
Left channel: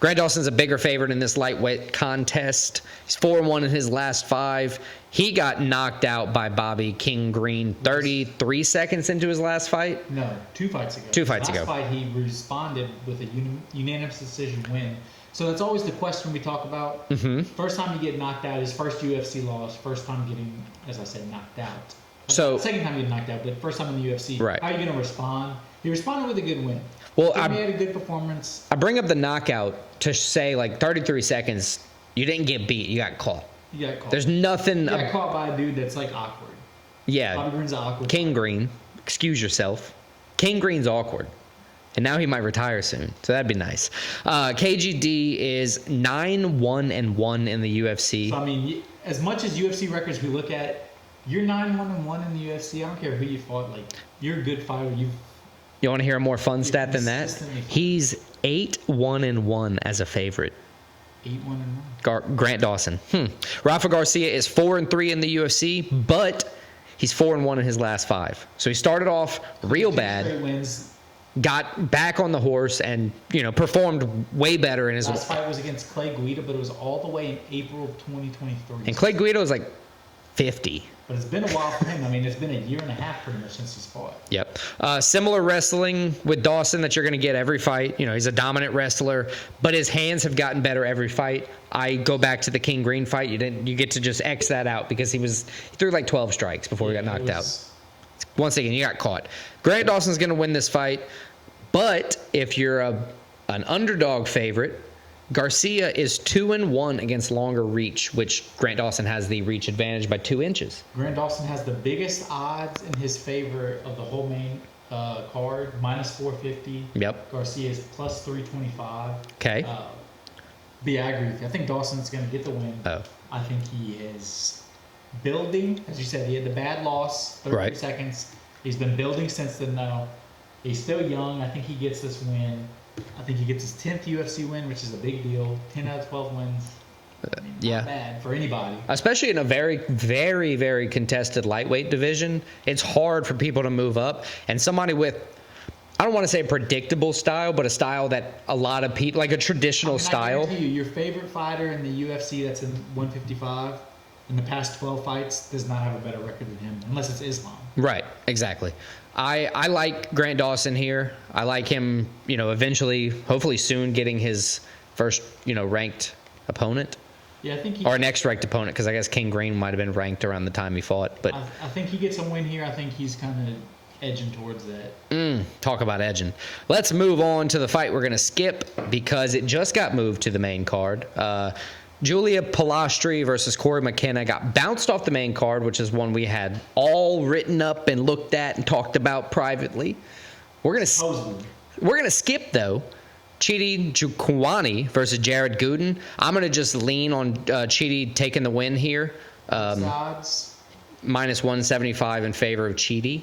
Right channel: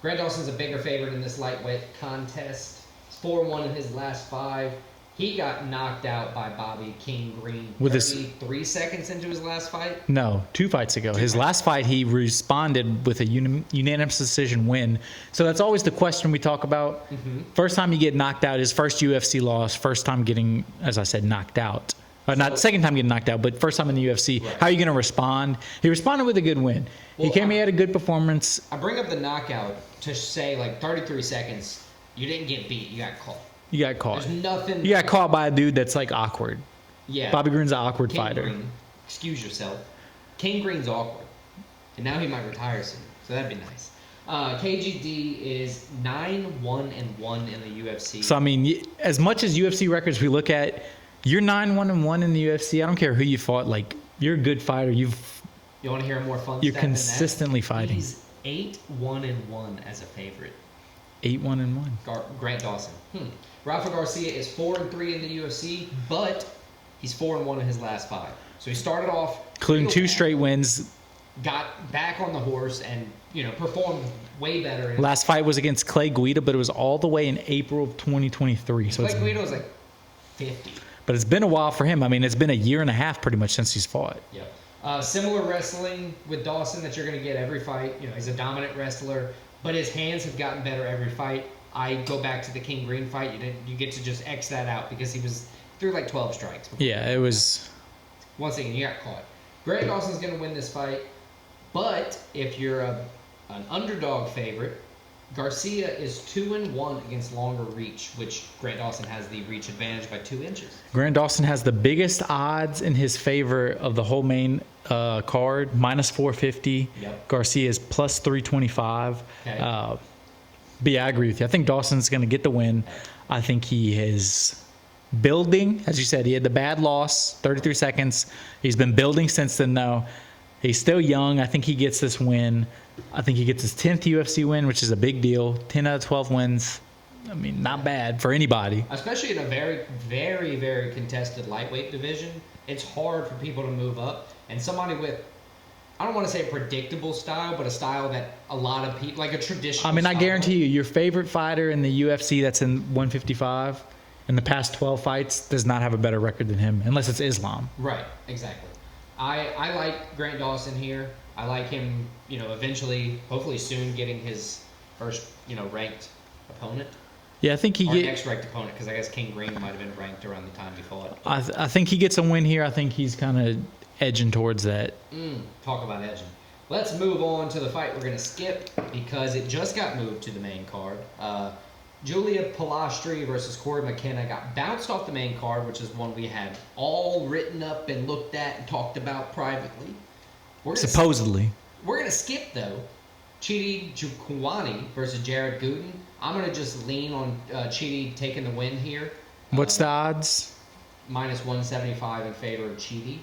Grant Dawson's a bigger favorite in this lightweight contest. He's 4-1 in his last 5. He got knocked out by Bobby King Green 33 seconds into his last fight. No, 2 fights ago. His last fight, he responded with a unanimous decision win. So that's always the question we talk about. First time you get knocked out, his first UFC loss, first time getting, as I said, knocked out. Not second time getting knocked out, but first time in the UFC. Right. How are you going to respond? He responded with a good win. He came in, had a good performance. I bring up the knockout to say, 33 seconds, you didn't get beat, you got caught. You got caught. There's nothing. You got caught by a dude that's awkward. Yeah. Bobby Green's an awkward King fighter. Green, excuse yourself. King Green's awkward. And now he might retire soon, so that'd be nice. KGD is 9-1-1 in the UFC. So, I mean, as much as UFC records we look at, you're 9-1-1 in the UFC. I don't care who you fought. You're a good fighter. You want to hear a more fun stat than that? Consistently fighting. He's 8-1-1 as a favorite. 8-1-1. Grant Dawson. Rafa Garcia is 4-3 in the UFC, but he's 4-1 in his last 5. So he started off real 2 bad, straight wins. got back on the horse, and performed way better in his last fight was against Clay Guida, but it was all the way in April of 2023. And Clay Guida was 50. But it's been a while for him. I mean, it's been a year and a half pretty much since he's fought. Yep. Similar wrestling with Dawson that you're going to get every fight. He's a dominant wrestler, but his hands have gotten better every fight. I go back to the King Green fight. You get to just X that out because he threw 12 strikes before he got knocked out. Once again, you got caught. Grant Dawson's going to win this fight, but if you're an underdog favorite, Garcia is 2-1 against longer reach, which Grant Dawson has the reach advantage by 2 inches. Grant Dawson has the biggest odds in his favor of the whole main card, -450. Yep. Garcia is +325. Okay. But yeah, I agree with you. I think Dawson's going to get the win. I think he is building. As you said, he had the bad loss, 33 seconds. He's been building since then, though. He's still young. I think he gets this win. I think he gets his 10th UFC win, which is a big deal. 10 out of 12 wins. I mean, not bad for anybody. Especially in a very, very, very contested lightweight division. It's hard for people to move up. And somebody with, I don't want to say a predictable style, but a style that a lot of people, a traditional style. I guarantee you, your favorite fighter in the UFC that's in 155 in the past 12 fights does not have a better record than him, unless it's Islam. Right, exactly. I like Grant Dawson here. I like him, eventually, hopefully soon, getting his first, ranked opponent. Yeah, I think next ranked opponent, because I guess King Green might have been ranked around the time he fought. But I think he gets a win here. I think he's kind of edging towards that. Talk about edging. Let's move on to the fight we're going to skip because it just got moved to the main card. Julia Pilastri versus Corey McKenna got bounced off the main card, which is one we had all written up and looked at and talked about privately. Supposedly. We're going to skip, though, Chidi Njokuani versus Jared Gooden. I'm going to just lean on Chidi taking the win here. What's the odds? Minus 175 in favor of Chidi.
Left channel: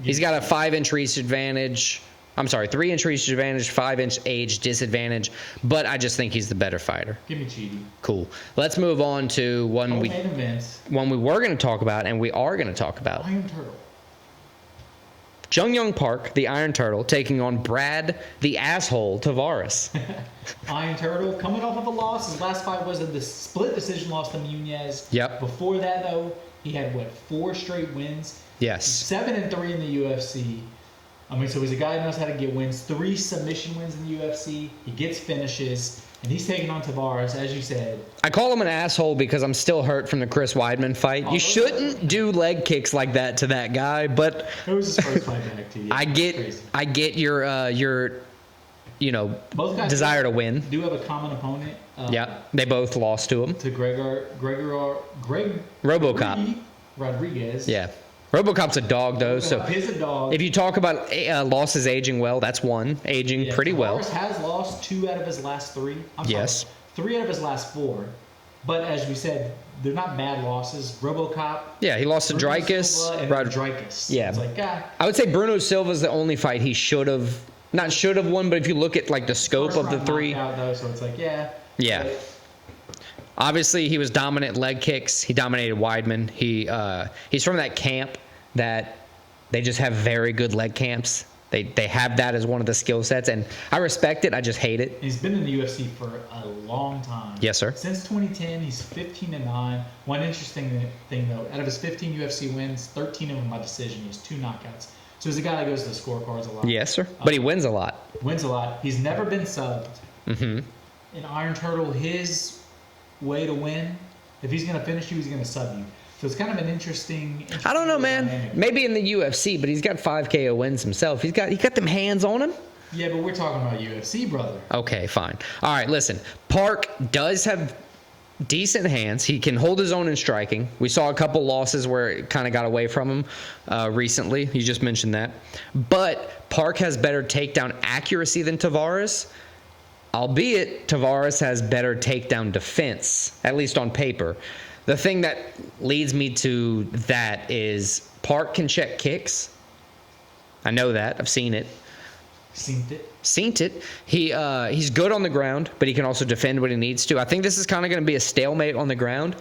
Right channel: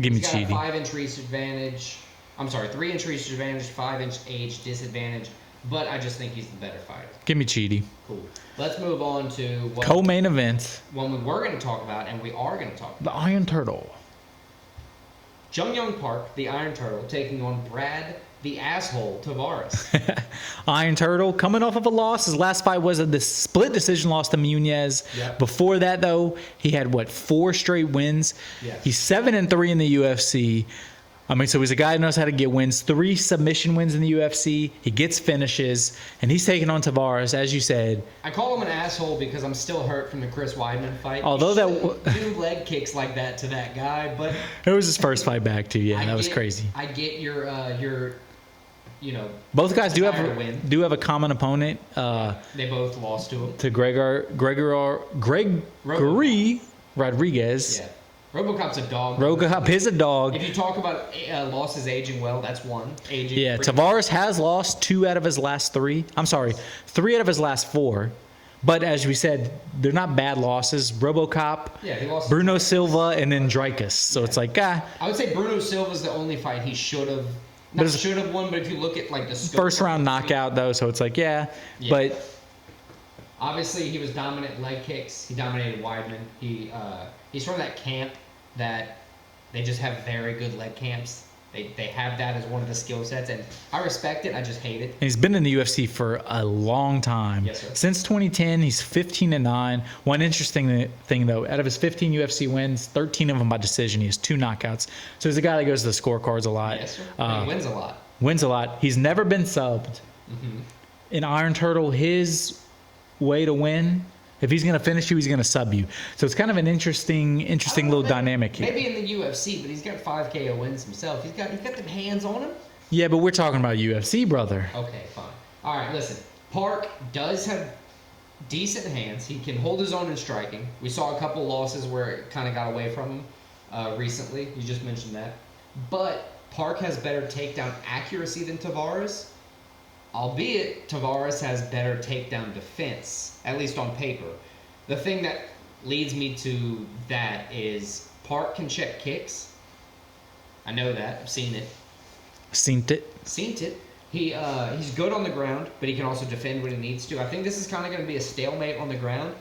He's got a 5-inch reach advantage. I'm sorry, 3-inch reach advantage, 5-inch age disadvantage, but I just think he's the better fighter. Give me Chidi. Cool. Let's move on to co-main event. One we were going to talk about, and we are going to talk about. The Iron Turtle. Jung Young Park, the Iron Turtle, taking on Brad, the asshole, Tavares. Iron Turtle coming off of a loss. His last fight was a split decision loss to Munez. Yep. Before that, though, he had, 4 straight wins? Yes. He's 7-3 in the UFC. I mean, so he's a guy who knows how to get wins. 3 submission wins in the UFC. He gets finishes, and he's taking on Tavares, as you said. I call him an asshole because I'm still hurt from the Chris Weidman fight. You shouldn't do leg kicks like that to that guy, but it was his first fight back to you. That was crazy. I get your both guys desire to win. Do have a common opponent. Yeah, they both lost to him. To Greg Rodriguez. Yeah. RoboCop's a dog, though. RoboCop is a dog. If you talk about losses aging well, that's one. Aging pretty well. Tavares has lost 2 out of his last 3. I'm sorry, 3 out of his last 4. But as we said, they're not bad losses. RoboCop. Yeah, he lost to Bruno Dricus, Silva and then Dricus. So it's like, I would say Bruno Silva's the only fight he should have. Not should have won, but if you look at the scope first of round the 3, knockout though, so it's like but obviously he was dominant leg kicks. He dominated Weidman. He's from that camp that they just have very good leg camps. They have that as one of the skill sets, and I respect it. I just hate it. He's been in the UFC for a long time. Yes, sir. Since 2010, he's 15-9. One interesting thing, though, out of his 15 UFC wins, 13 of them by decision. He has 2 knockouts. So he's a guy that goes to the scorecards a lot. Yes, sir. But he wins a lot. Wins a lot. He's never been subbed. Mm-hmm. In Iron Turtle, his way to win, if he's going to finish you, he's going to sub you. So it's kind of an interesting little dynamic. Maybe in the UFC, but he's got 5 KO wins himself. He got them hands on him. Yeah, but we're talking about UFC, brother. Okay, fine. All right, listen. Park does have decent hands. He can hold his own in striking. We saw a couple losses where it kind of got away from him recently. You just mentioned that. But Park has better takedown accuracy than Tavares. Albeit, Tavares has better takedown defense, at least on paper. The thing that leads me to that is Park can check kicks. I know that. I've seen it. Seen it. He's good on the ground, but he can also defend when he needs to. I think this is kind of going to be a stalemate on the ground.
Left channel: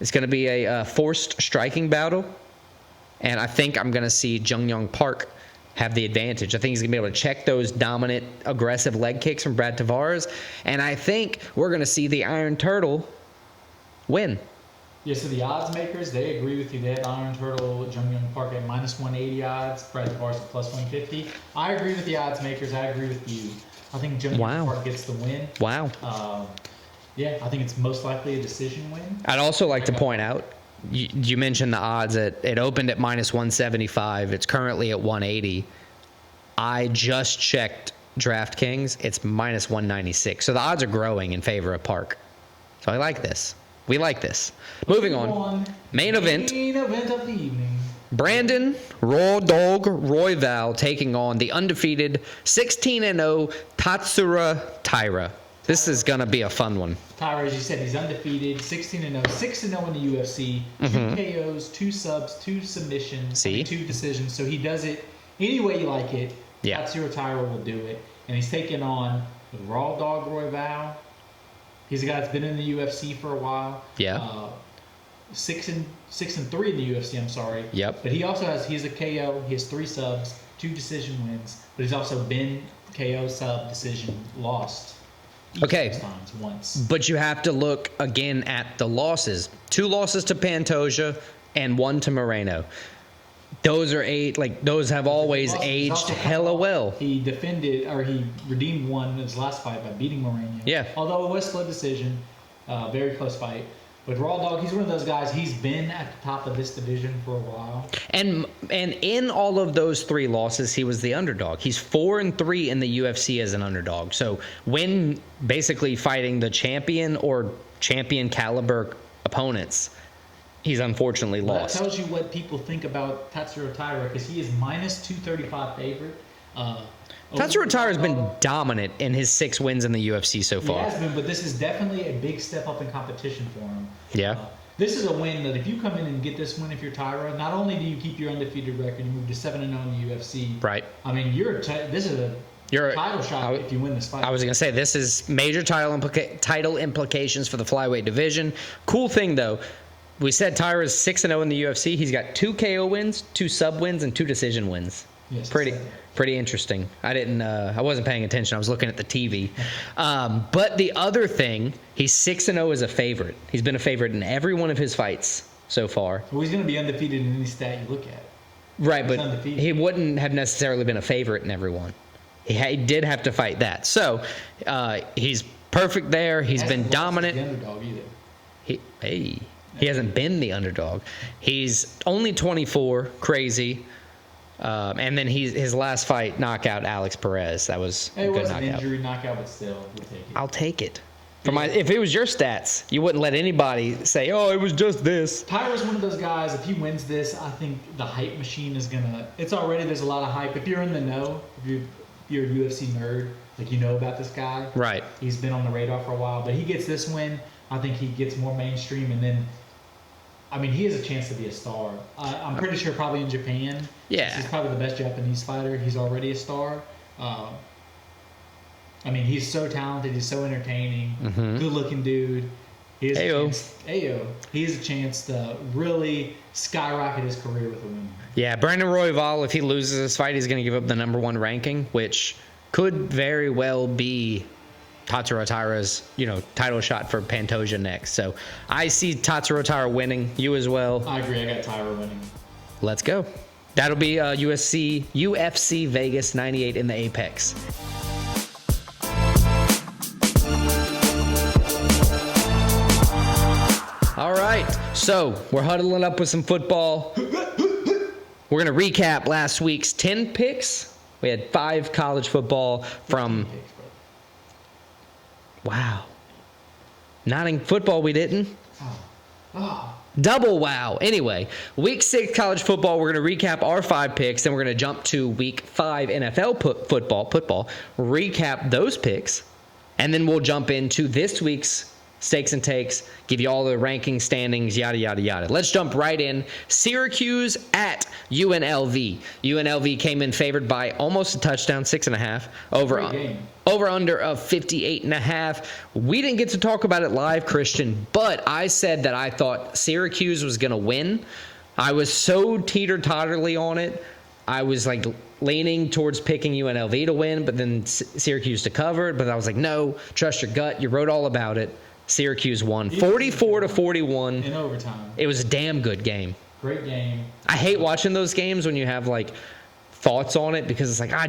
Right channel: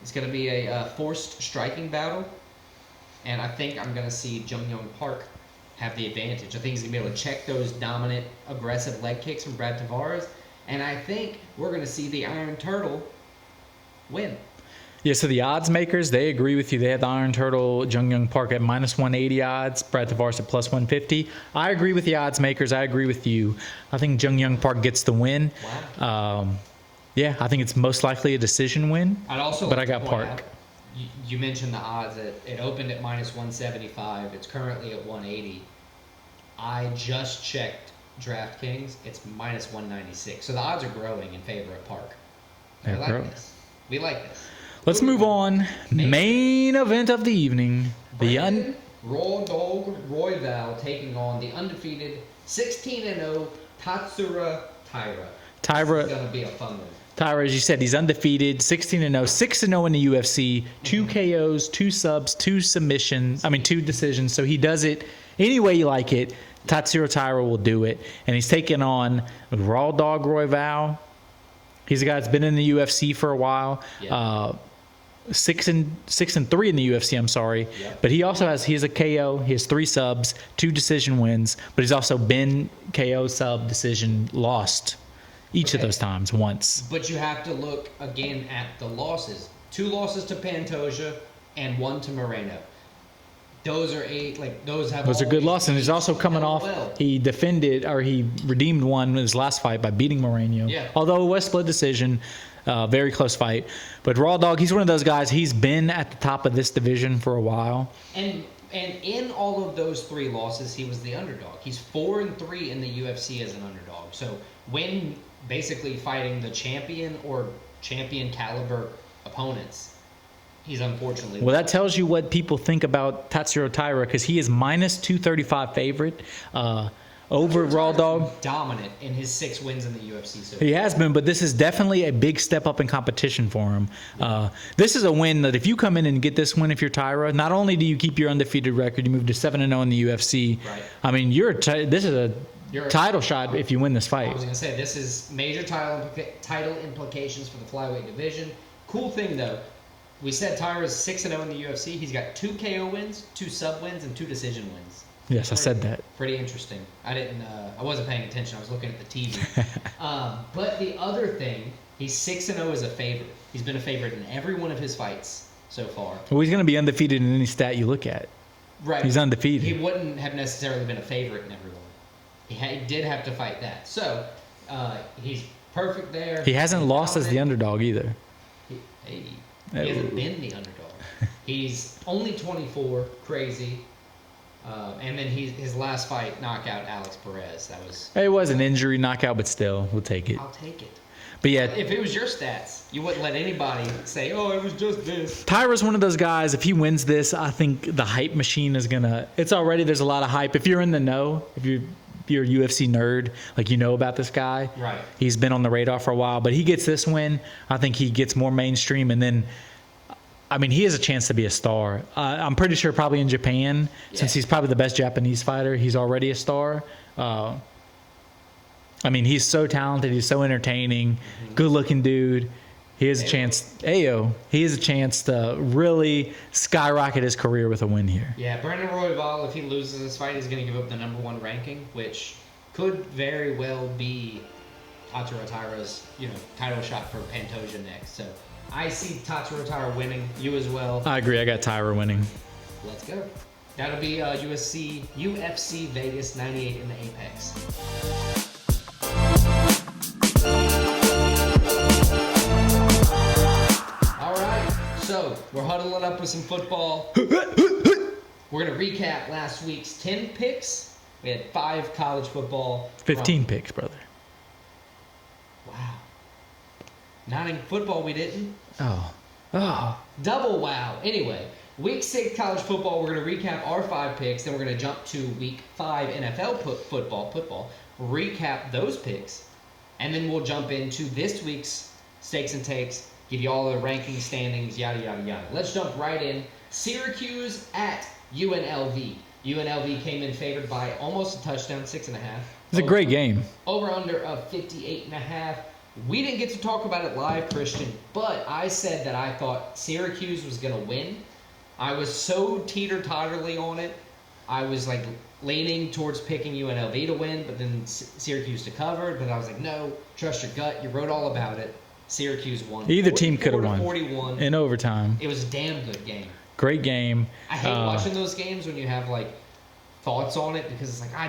It's going to be a forced striking battle. And I think I'm going to see Jung Young Park have the advantage. I think he's going to be able to check those dominant, aggressive leg kicks from Brad Tavares. And I think we're going to see the Iron Turtle win. Yeah, so the odds makers, they agree with you. They have the Iron Turtle, Jung Young Park at minus 180 odds, Brad Tavares at plus 150. I agree with the odds makers. I agree with you. I think Jung Young Park gets the win. Wow. Yeah, I think it's most likely a decision win. I'd also like to point out, you mentioned the odds. It opened at minus 175. It's currently at 180. I just checked DraftKings. It's minus 196. So the odds are growing in favor of Park. So I like this. We like this. Let's move on. Main event of the evening. Brandon RawDawg Royval taking on the undefeated 16-0 Tatsuro Taira. This is going to be a fun one. Taira, as you said, he's undefeated, 16-0, 6-0 in the UFC, 2 KOs, 2 subs, 2 submissions. See? 2 decisions. So he does it any way you like it. Yeah. Tatsuro Taira will do it. And he's taking on RawDawg Royval. He's a guy that's been in the UFC for a while. Yeah. 6-3 in the UFC, I'm sorry. Yep. But he's a KO. He has 3 subs, 2 decision wins. But he's also been KO, sub, decision, lost. Each of those times once. But you have to look again at the losses. 2 losses to Pantoja and 1 to Moreno. Those are those have always good losses. aged He's also coming off. well. He redeemed one in his last fight by beating Moreno. Yeah. Although it was split decision, very close fight. But RawDawg, he's one of those guys. He's been at the top of this division for a while. And in all of those 3 losses, he was the underdog. He's 4-3 in the UFC as an underdog. So when basically fighting the champion or champion caliber opponents, he's unfortunately Well, lost. that tells you what people think about Tatsuro Taira, because he is minus 235 favorite. Tatsuro Taira's been RawDawg. dominant in his 6 wins in the UFC so far. He has been, but this is definitely a big step up in competition for him. Yeah. This is a win that if you come in and get this win, if you're Taira, not only do you keep your undefeated record, you move to 7-0 in the UFC. Right. I mean, this is a title shot if you win this fight. I was going to say, this is major title implications for the flyweight division. Cool thing, though, we said Taira's 6-0 in the UFC. He's got 2 KO wins, 2 sub wins, and 2 decision wins. Yes, I said that. Pretty interesting. I wasn't paying attention. I was looking at the TV. But the other thing, he's 6-0 as a favorite. He's been a favorite in every one of his fights so far. Well, he's going to be undefeated in any stat you look at. Right, he's but undefeated. He wouldn't have necessarily been a favorite in every one. He did have to fight that. So he's perfect there. He hasn't been lost dominant. as the underdog either. He hasn't been the underdog. He's only 24, crazy. And then his last fight, knockout Alex Perez. That was It was an injury knockout, but still, we'll take it. I'll take it. But But if it was your stats, you wouldn't let anybody say, "Oh, it was just this." Tyra's one of those guys, if he wins this, I think the hype machine is going to... There's a lot of hype. If you're in the know, if you're a UFC nerd, like you know about this guy. Right. He's been on the radar for a while, but he gets this win. I think he gets more mainstream, and then... I mean, he has a chance to be a star. I'm pretty sure probably in Japan, since he's probably the best Japanese fighter, he's already a star. I mean, he's so talented. He's so entertaining. Good-looking dude. He has a chance. He has a chance to really skyrocket his career with a win here. Yeah, Brandon Royval, if he loses this fight, he's going to give up the #1 ranking, which could very well be Tatsuro Taira's, title shot for Pantoja next. So I see Tatsuro Taira winning. You as well. I agree. I got Taira winning. Let's go. That'll be UFC Vegas 98 in the Apex. All right. So we're huddling up with some football. We're going to recap last week's 10 picks. We had 5 college football. 15 picks, brother. Wow. Not in football, we didn't. Oh. Double wow. Anyway, week 6 college football, we're going to recap our 5 picks. Then we're going to jump to week 5 NFL football, recap those picks. And then we'll jump into this week's stakes and takes, give you all the ranking standings, yada, yada, yada. Let's jump right in. Syracuse at UNLV. UNLV came in favored by almost a touchdown, 6.5. It's a great game. Over under of 58.5. We didn't get to talk about it live, Christian, but I said that I thought Syracuse was going to win. I was so teeter-totterly on it. I was like leaning towards picking UNLV to win, but then Syracuse to cover it. But I was like, no, trust your gut. You wrote all about it. Syracuse won 44-41 in overtime. It was a damn good game. Great game. I hate watching those games when you have like thoughts on it because it's like I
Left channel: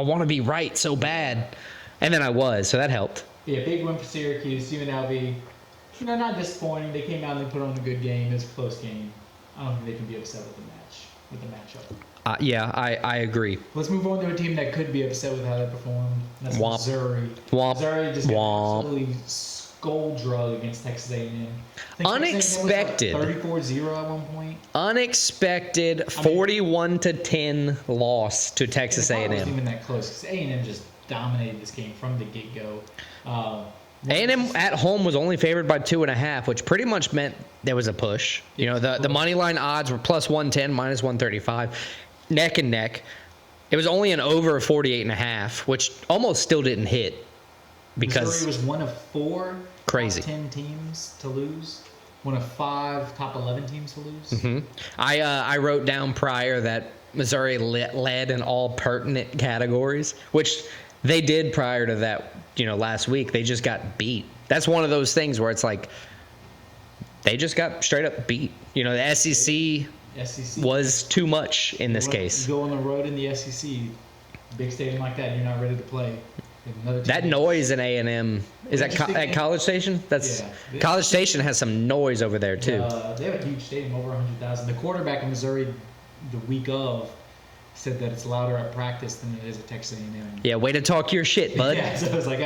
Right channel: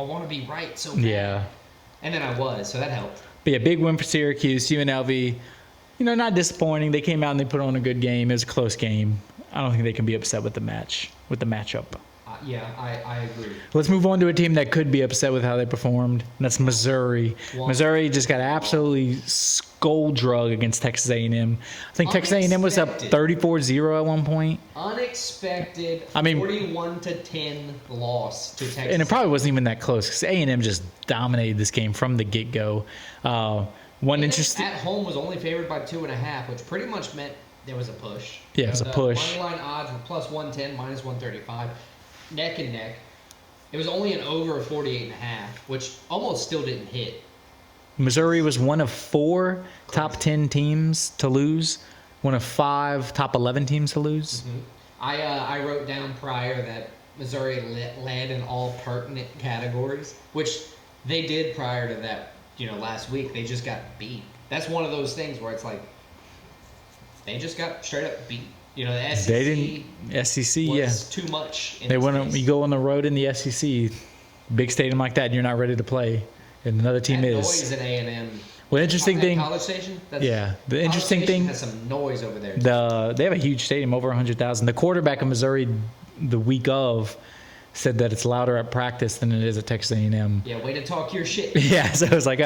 want to be right so bad. Yeah. And then I was, so that helped. But yeah, big win for Syracuse. UNLV, not disappointing. They came out and they put on a good game. It was a close game. I don't think they can be upset with the matchup. Yeah, I agree. Let's move on to a team that could be upset with how they performed, and that's Missouri. Missouri just got absolutely skull drug against Texas A&M. I think Texas A&M was up 34-0 at one point. Unexpected 41-10 loss to Texas And it probably A&M. wasn't even that close because A&M just dominated this game from the get-go. A&M at home was only favored by 2.5, which pretty much meant there was a push. The money line odds were plus 110, minus 135. Neck and neck. It was only an over of 48.5, which almost still didn't hit. Missouri was one of 4 Crazy. top 10 teams to lose, one of 5 top 11 teams to lose. Mm-hmm. I wrote down prior that Missouri led in all pertinent categories, which they did prior to that. Last week they just got beat. That's one of those things where it's like they just got straight up beat. The SEC was too much in this case. You go on the road in the SEC, big stadium like that, and you're not ready to play. And another team noise in A&M. Is that College Station? College Station has some noise over there, too. They have a huge stadium, over 100,000. The quarterback of Missouri the week of said that it's louder at practice than it is at Texas A&M. Yeah, way to talk your shit, bud. Yeah, so it was like,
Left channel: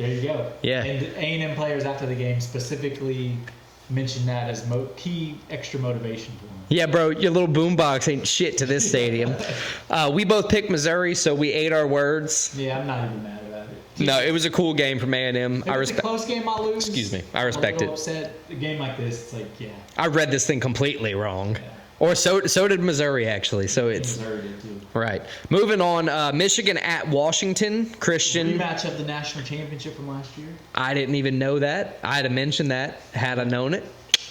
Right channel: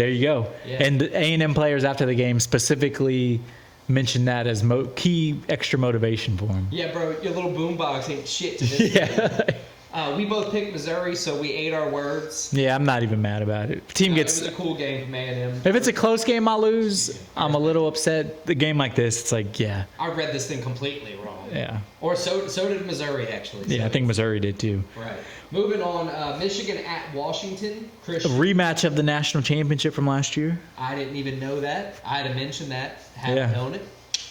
There you go. Yeah. And A&M players after the game specifically mentioned that as key extra motivation for him. Yeah, bro, your little boombox ain't shit to this stadium. We both picked Missouri, so we ate our words. Yeah, I'm not even mad about it. It was a cool game from A&M. If it's a close game, I lose. Excuse me. I'm a little upset. The game like this, it's like, yeah. I read this thing completely wrong. Yeah. Or so did Missouri, actually. So I think Missouri did too. Right. Moving on, Michigan at Washington. Christian. A rematch of the national championship from last year. I didn't even know that. I'd have mentioned that had I known it.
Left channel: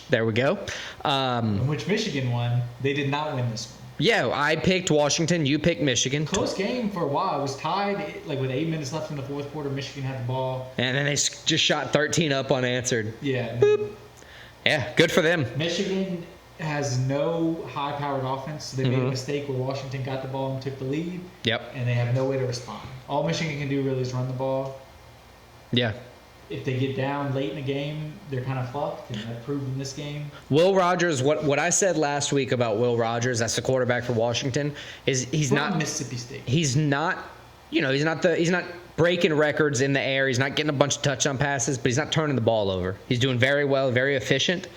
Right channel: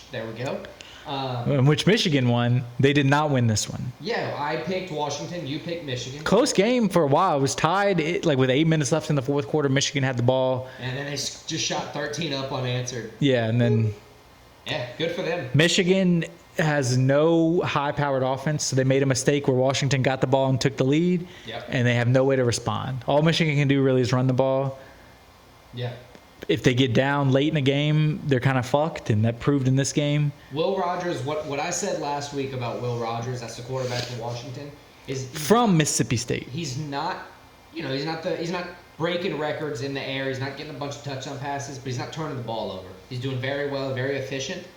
There we go. In which Michigan won. They did not win this one. Yeah, I picked Washington. You picked Michigan. Close game for a while. It was tied. With 8 minutes left in the fourth quarter, Michigan had the ball. And then they just shot 13 up unanswered. Yeah, and then... Yeah, good for them. Michigan has no high-powered offense, so they made a mistake where Washington got the ball and took the lead. Yep. And they have no way to respond. All Michigan can do really is run the ball. Yeah. If they get down late in the game, they're kind of fucked, and that proved in this game. Will Rogers, what I said last week about Will Rogers, that's the quarterback for Washington, is he's from not, Mississippi State. He's not, he's not breaking records in the air. He's not getting a bunch of touchdown passes, but he's not turning the ball over. He's doing very well, very efficient.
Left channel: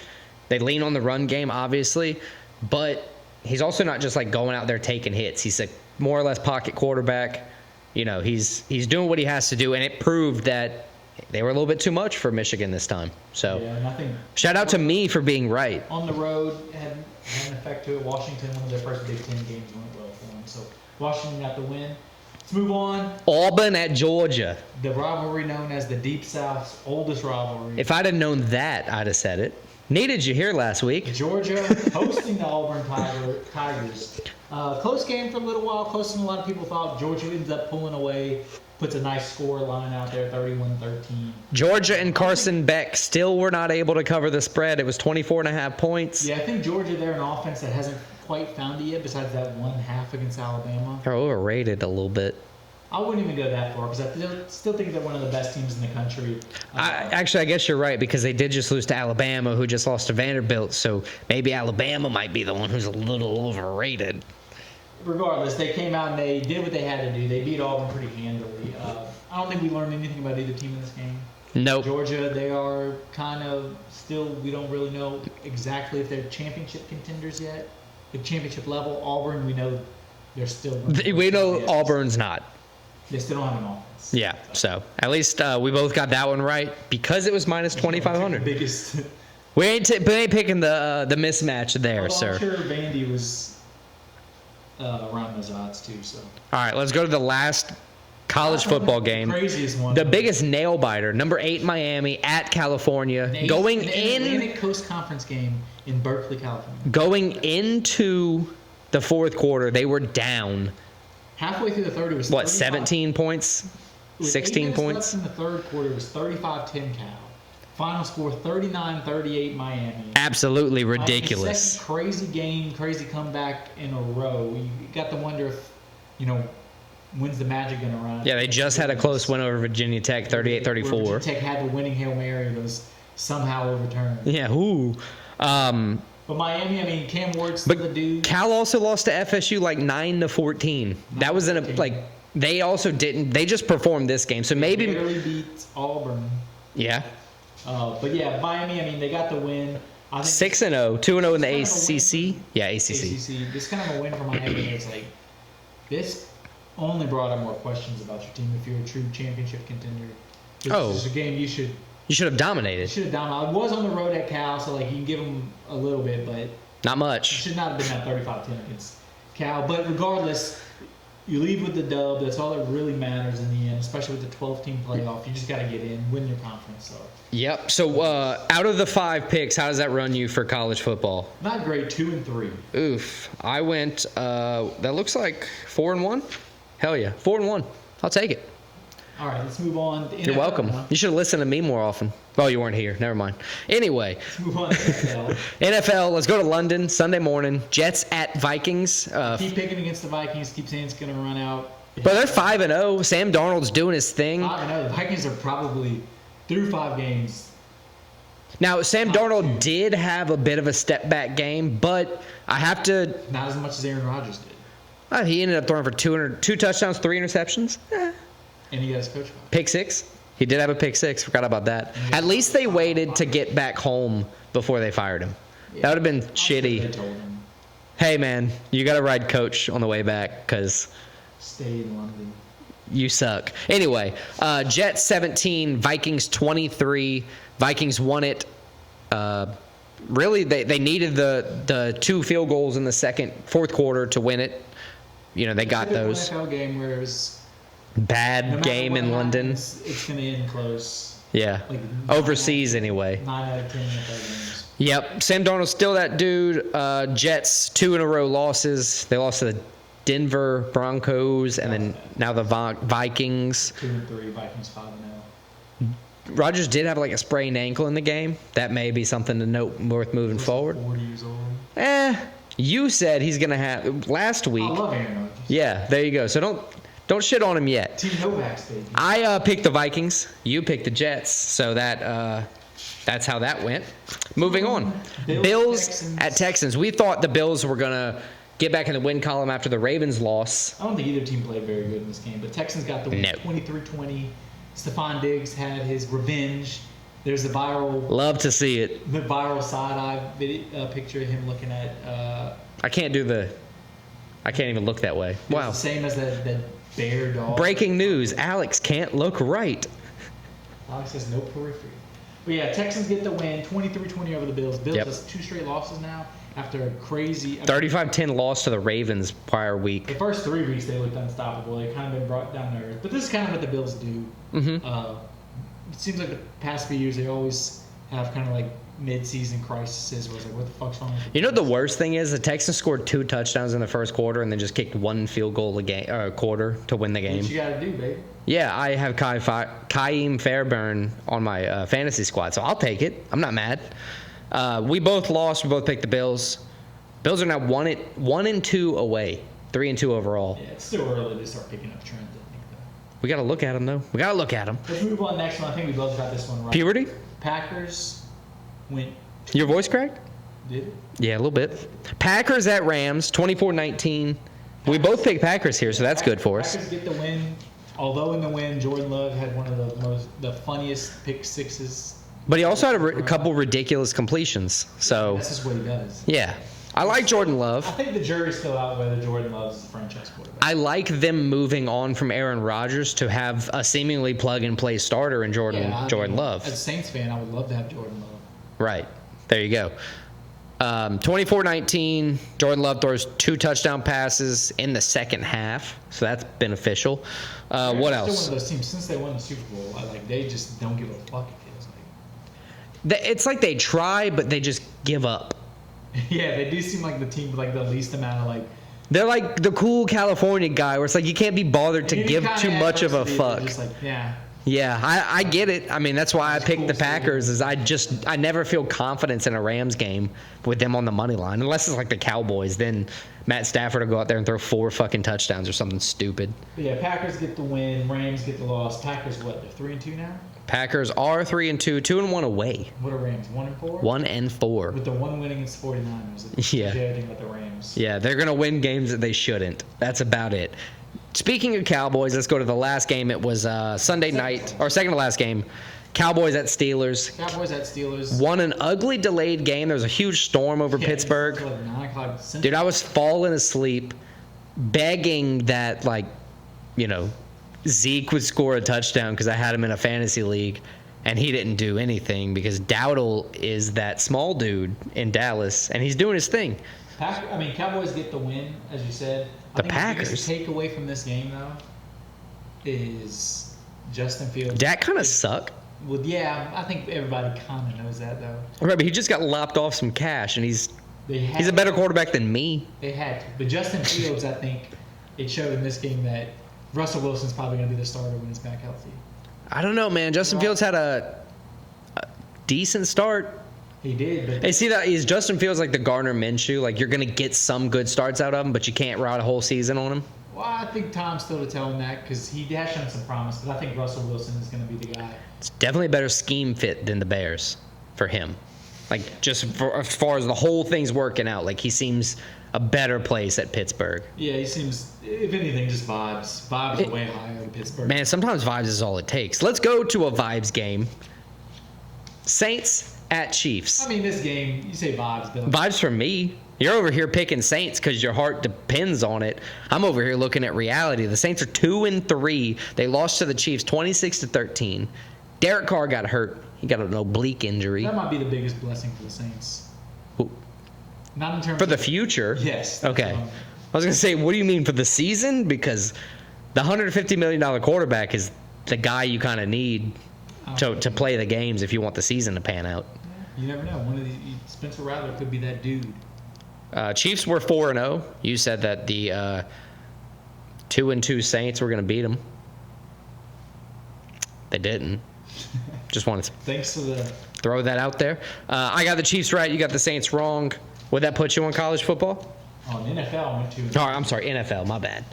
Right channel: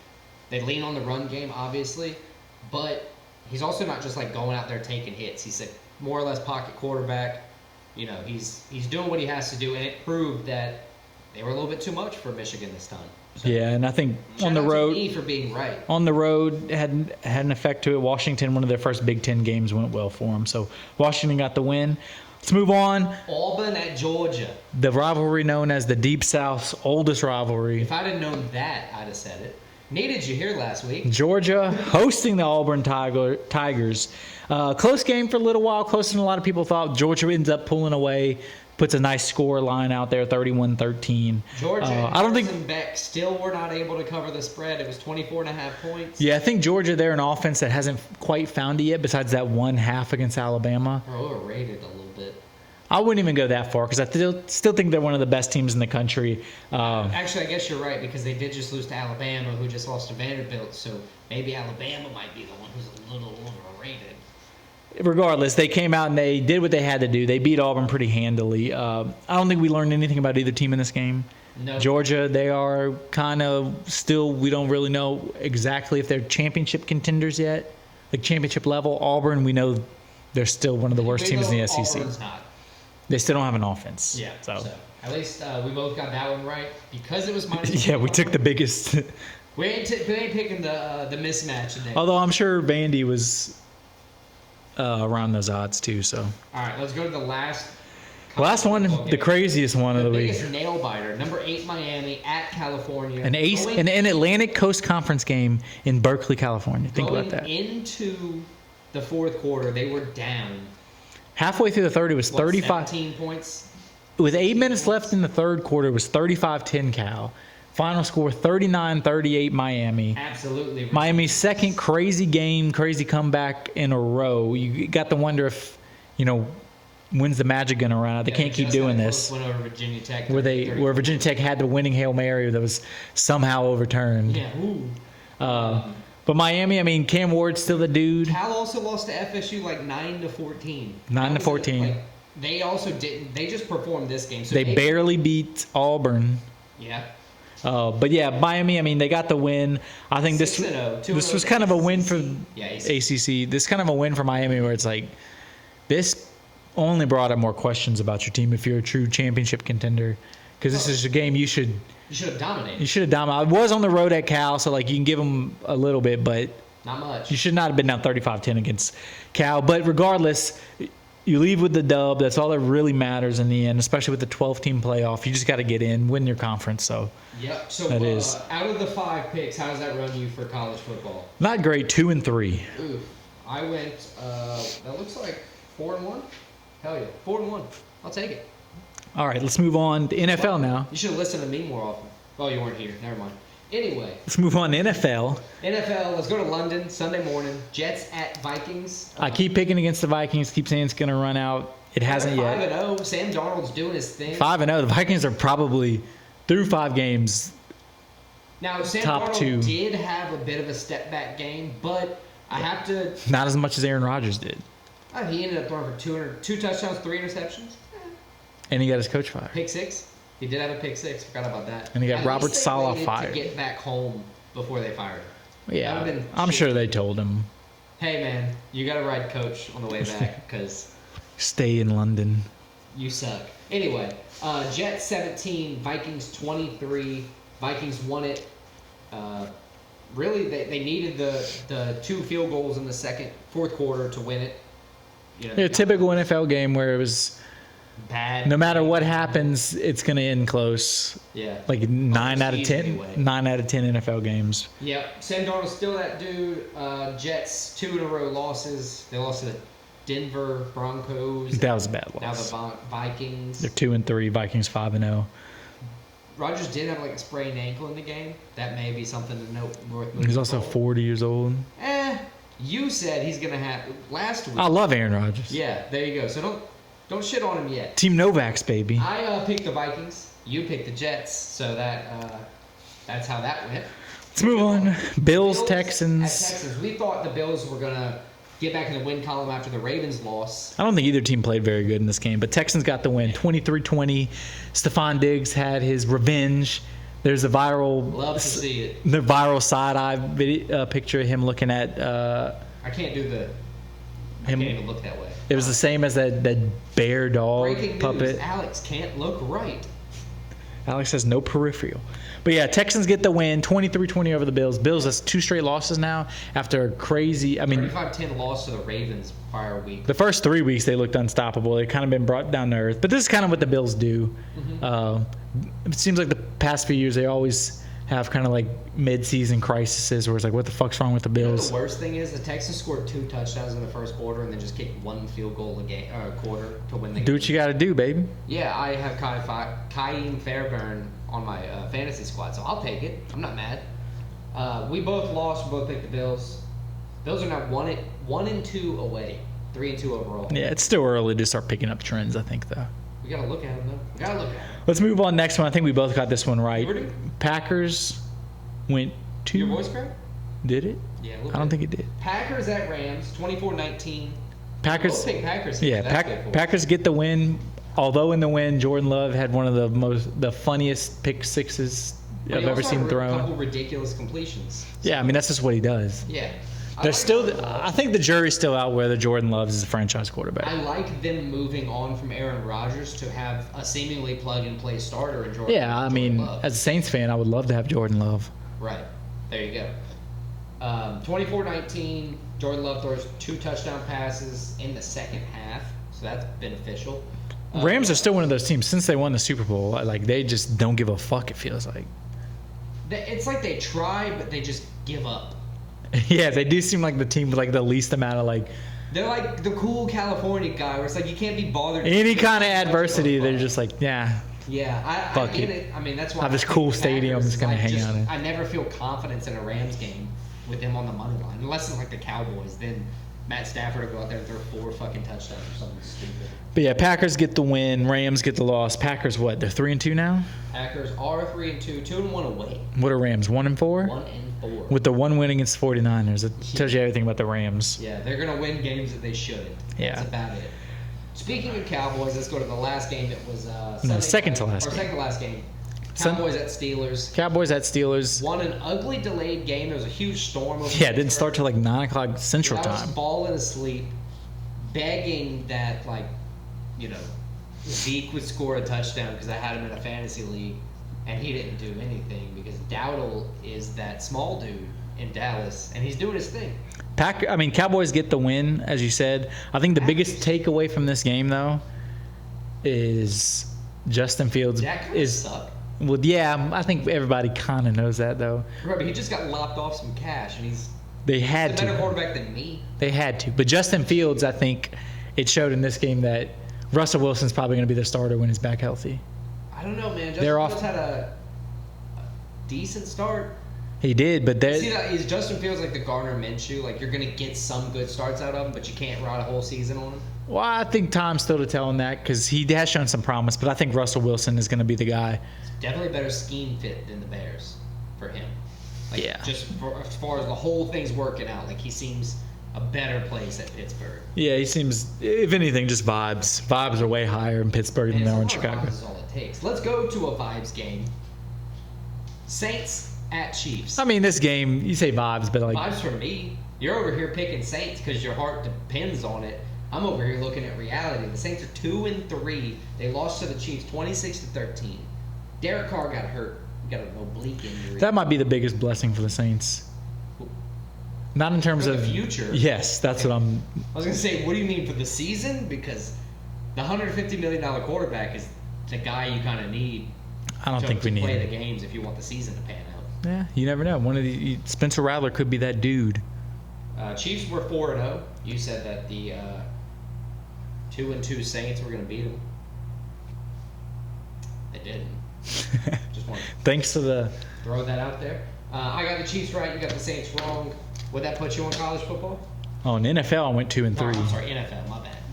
They lean on the run game, obviously, but he's also not just like going out there taking hits. He's a more or less pocket quarterback. He's doing what he has to do, and it proved that they were a little bit too much for Michigan this time. So yeah, and I think shout out to me for being right. On the road, had an effect to it. Washington, one of their first Big Ten games, went well for them. So Washington got the win. Let's move on. Auburn at Georgia. The rivalry known as the Deep South's oldest rivalry. If I'd have known that, I'd have said it. Needed you here last week. Georgia hosting the Auburn Tigers. Close game for a little while, closer than a lot of people thought. Georgia ends up pulling away. Puts a nice score line out there, 31-13. Georgia and Carson Beck still were not able to cover the spread. It was 24.5 points. Yeah, I think Georgia, they're an offense that hasn't quite found it yet, besides that one half against Alabama. They're overrated a little bit. I wouldn't even go that far because I still think they're one of the best teams in the country. Actually, I guess you're right because they did just lose to Alabama, who just lost to Vanderbilt. So maybe Alabama might be the one who's a little overrated. Regardless, they came out and they did what they had to do. They beat Auburn pretty handily. I don't think we learned anything about either team in this game. No. Georgia, they are kind of still, we don't really know exactly if they're championship contenders yet, like championship level. Auburn, we know they're still one of the worst teams in the SEC. Auburn's not. They still don't have an offense. Yeah, so at least we both got that one right because it was minus 2,500. Yeah, we took the biggest. We ain't picking the mismatch there. Although I'm sure Vandy was around those odds too. So all right, let's go to the last college football game. The craziest one. The biggest nail biter. Number 8 Miami at California. An Atlantic Coast Conference game in Berkeley, California. Going into the fourth quarter, they were down. Halfway through the third, it was 35. 17 points? With 8 minutes left in the third quarter, it was 35-10 Cal. Final score 39-38 Miami. Absolutely ridiculous. Miami's second crazy game, crazy comeback in a row. You got to wonder if, when's the magic going to run out? They just had a close win over Virginia Tech, 38-34. Where Virginia Tech had the winning Hail Mary that was somehow overturned. Yeah, ooh. But Miami, Cam Ward's still the dude. Cal also lost to FSU 9-14. That was they also didn't. They just performed this game, so they barely beat Auburn. Yeah. But yeah, Miami. They got the win. I think 6-0, 2-0 this was kind of a win for ACC. This is kind of a win for Miami, where it's like this only brought up more questions about your team if you're a true championship contender, because this is a game you should. You should have dominated. You should have dominated. I was on the road at Cal, so you can give them a little bit, but not much. You should not have been down 35-10 against Cal. But regardless, you leave with the dub. That's all that really matters in the end, especially with the 12-team playoff. You just got to get in, win your conference. So. Yep. So out of the 5 picks, how does that run you for college football? Not great. 2-3. Oof. I went. That looks like 4-1. Hell yeah, 4-1. I'll take it. All right, let's move on to NFL now. You should have listened to me more often. Well, you weren't here. Never mind. Anyway. Let's move on to NFL. NFL, let's go to London, Sunday morning. Jets at Vikings. I keep picking against the Vikings, keep saying it's going to run out. But they're 5-0. Sam Darnold's doing his thing. 5-0. The Vikings are probably, through 5 games. Now, Sam Darnold did have a bit of a step-back game, but I have to... Not as much as Aaron Rodgers did. He ended up throwing for 2 touchdowns, 3 interceptions. And he got his coach fired. Pick 6. He did have a pick six. Forgot about that. At least they waited to get back home before they fired him. Yeah, that would have been I'm shitty. sure they told him. Hey, man, you got to ride coach on the way back because stay in London. You suck. Anyway, Jets 17, Vikings 23. Vikings won it. Really, they needed the 2 field goals in the fourth quarter to win it. You know, they got typical those. NFL game where it was bad. No matter game what in happens, London. It's going to end close. Yeah. Like overseas anyway. 9 out of 10 NFL games. Yep. Sam Darnold's still that dude. Jets 2 in a row losses. They lost to the Denver Broncos and now the Vikings. They're 2-3. Vikings 5-0. Rodgers did have like a sprained ankle in the game. That may be something to note worth moving forward. He's also 40 years old. You said he's gonna have last week. I love Aaron Rodgers. Yeah, there you go. So don't shit on him yet. Team Novaks, baby. I picked the Vikings. You picked the Jets. So that's how that went. Moving on. Bills, Texans. At Texans. We thought the Bills were gonna get back in the win column after the Ravens loss. I don't think either team played very good in this game, but Texans got the win, 23-20. Stephon Diggs had his revenge. There's a viral... Love to see it. The viral side-eye picture of him looking at... I can't even look that way. It was the same as that bear dog. Breaking news. puppet. Alex can't look right. Alex has no peripheral. But yeah, Texans get the win, 23-20 over the Bills. Bills has 2 straight losses now after a crazy... 35-10 loss to the Ravens prior week. The first 3 weeks they looked unstoppable. They've kind of been brought down to earth. But this is kind of what the Bills do. Mm-hmm. It seems like the past few years they always have kind of like mid-season crises where it's like, what the fuck's wrong with the Bills? You know the worst thing is the Texans scored 2 touchdowns in the first quarter and then just kicked 1 field goal a quarter to win the game. Do what you got to do, baby. Yeah, I have Kaim Fairbairn on my fantasy squad, so I'll take it. I'm not mad. We both lost. We both picked the Bills. Bills are now 1-2 away, 3-2 overall. Yeah, it's still early to start picking up trends, I think, though. We got to look at them, though. We got to look at them. Let's move on. Next one. I think we both got this one right. Puberty? Packers went to... Your voice cracked? Did it? Yeah, a little bit. I don't think it did. Packers at Rams, 24-19. We both picked Packers here, so that's good for us. Packers get the win. Although in the win, Jordan Love had one of the funniest pick sixes. But he also had a couple ridiculous completions. So. Yeah, I mean, that's just what he does. Yeah. I like Jordan Love. I think the jury's still out whether Jordan Love is a franchise quarterback. I like them moving on from Aaron Rodgers to have a seemingly plug-and-play starter in Jordan Love. As a Saints fan, I would love to have Jordan Love. Right. There you go. 24-19, Jordan Love throws 2 touchdown passes in the second half, so that's beneficial. Rams are still one of those teams, since they won the Super Bowl, like they just don't give a fuck, it feels like. It's like they try, but they just give up. Yeah, they do seem like the team with like the least amount of like... They're like the cool California guy where it's like you can't be bothered to give too much of a fuck. They're just like, yeah. Yeah, I get it. I mean, that's why I picked the Packers. Is I never feel confidence in a Rams game with them on the money line, unless it's like the Cowboys. Then Matt Stafford will go out there and throw 4 fucking touchdowns or something stupid. But yeah, Packers get the win. Rams get the loss. Packers what? They're 3-2 now. Packers are 3-2, 2-1 away. What are Rams? 1-4. 1-4. With the 1 win against 49ers, it tells you everything about the Rams. Yeah, they're gonna win games that they shouldn't. That's about it. Speaking of Cowboys, let's go to the last game. It was Sunday night, or second to last game. Cowboys at Steelers. Cowboys at Steelers. Won an ugly delayed game. There was a huge storm over Pittsburgh. It didn't start till like 9 o'clock Central Dude, I was falling asleep, begging that, like, you know, Zeke would score a touchdown because I had him in a fantasy league, and he didn't do anything because Dowdle is that small dude in Dallas, and he's doing his thing. Cowboys get the win, as you said. I think the biggest takeaway from this game, though, is Justin Fields. Dak kind of suck. Well, yeah, I think everybody kind of knows that, though. Remember, he just got lopped off some cash, and he's a better quarterback than me. They had to. But Justin Fields, I think it showed in this game that Russell Wilson's probably going to be the starter when he's back healthy. I don't know, man. Justin Fields had a decent start. He did, but see that is Justin Fields like the Gardner Minshew. Like you're gonna get some good starts out of him, but you can't ride a whole season on him. Well, I think time's still to tell on that because he has shown some promise. But I think Russell Wilson is gonna be the guy. It's definitely a better scheme fit than the Bears for him. Like just as far as the whole thing's working out, like he seems a better place at Pittsburgh. Yeah, he seems, if anything, just vibes. Vibes are way higher in Pittsburgh. Man, than sometimes Chicago. vibes is all it takes. Let's go to a vibes game. Saints at Chiefs. I mean, this game, you say vibes, but like... Vibes from me. You're over here picking Saints because your heart depends on it. I'm over here looking at reality. The Saints are 2-3. They lost to the Chiefs 26-13. Derek Carr got hurt. He got an oblique injury. That might be the biggest blessing for the Saints. Not in terms for of... the future? Yes, that's okay. what I was going to say, what do you mean for the season? Because the $150 million quarterback is the guy you kind of need to play the games if you want the season to pan out. Yeah, you never know. Spencer Rattler could be that dude. Chiefs were 4-0. You said that the 2-2 Saints were going to beat them. They didn't. Just wanted to Thanks to the... throw that out there. I got the Chiefs right. You got the Saints wrong. Would that put you on college football? Oh, in NFL, I went 2-3. Oh, I'm sorry, NFL. My bad.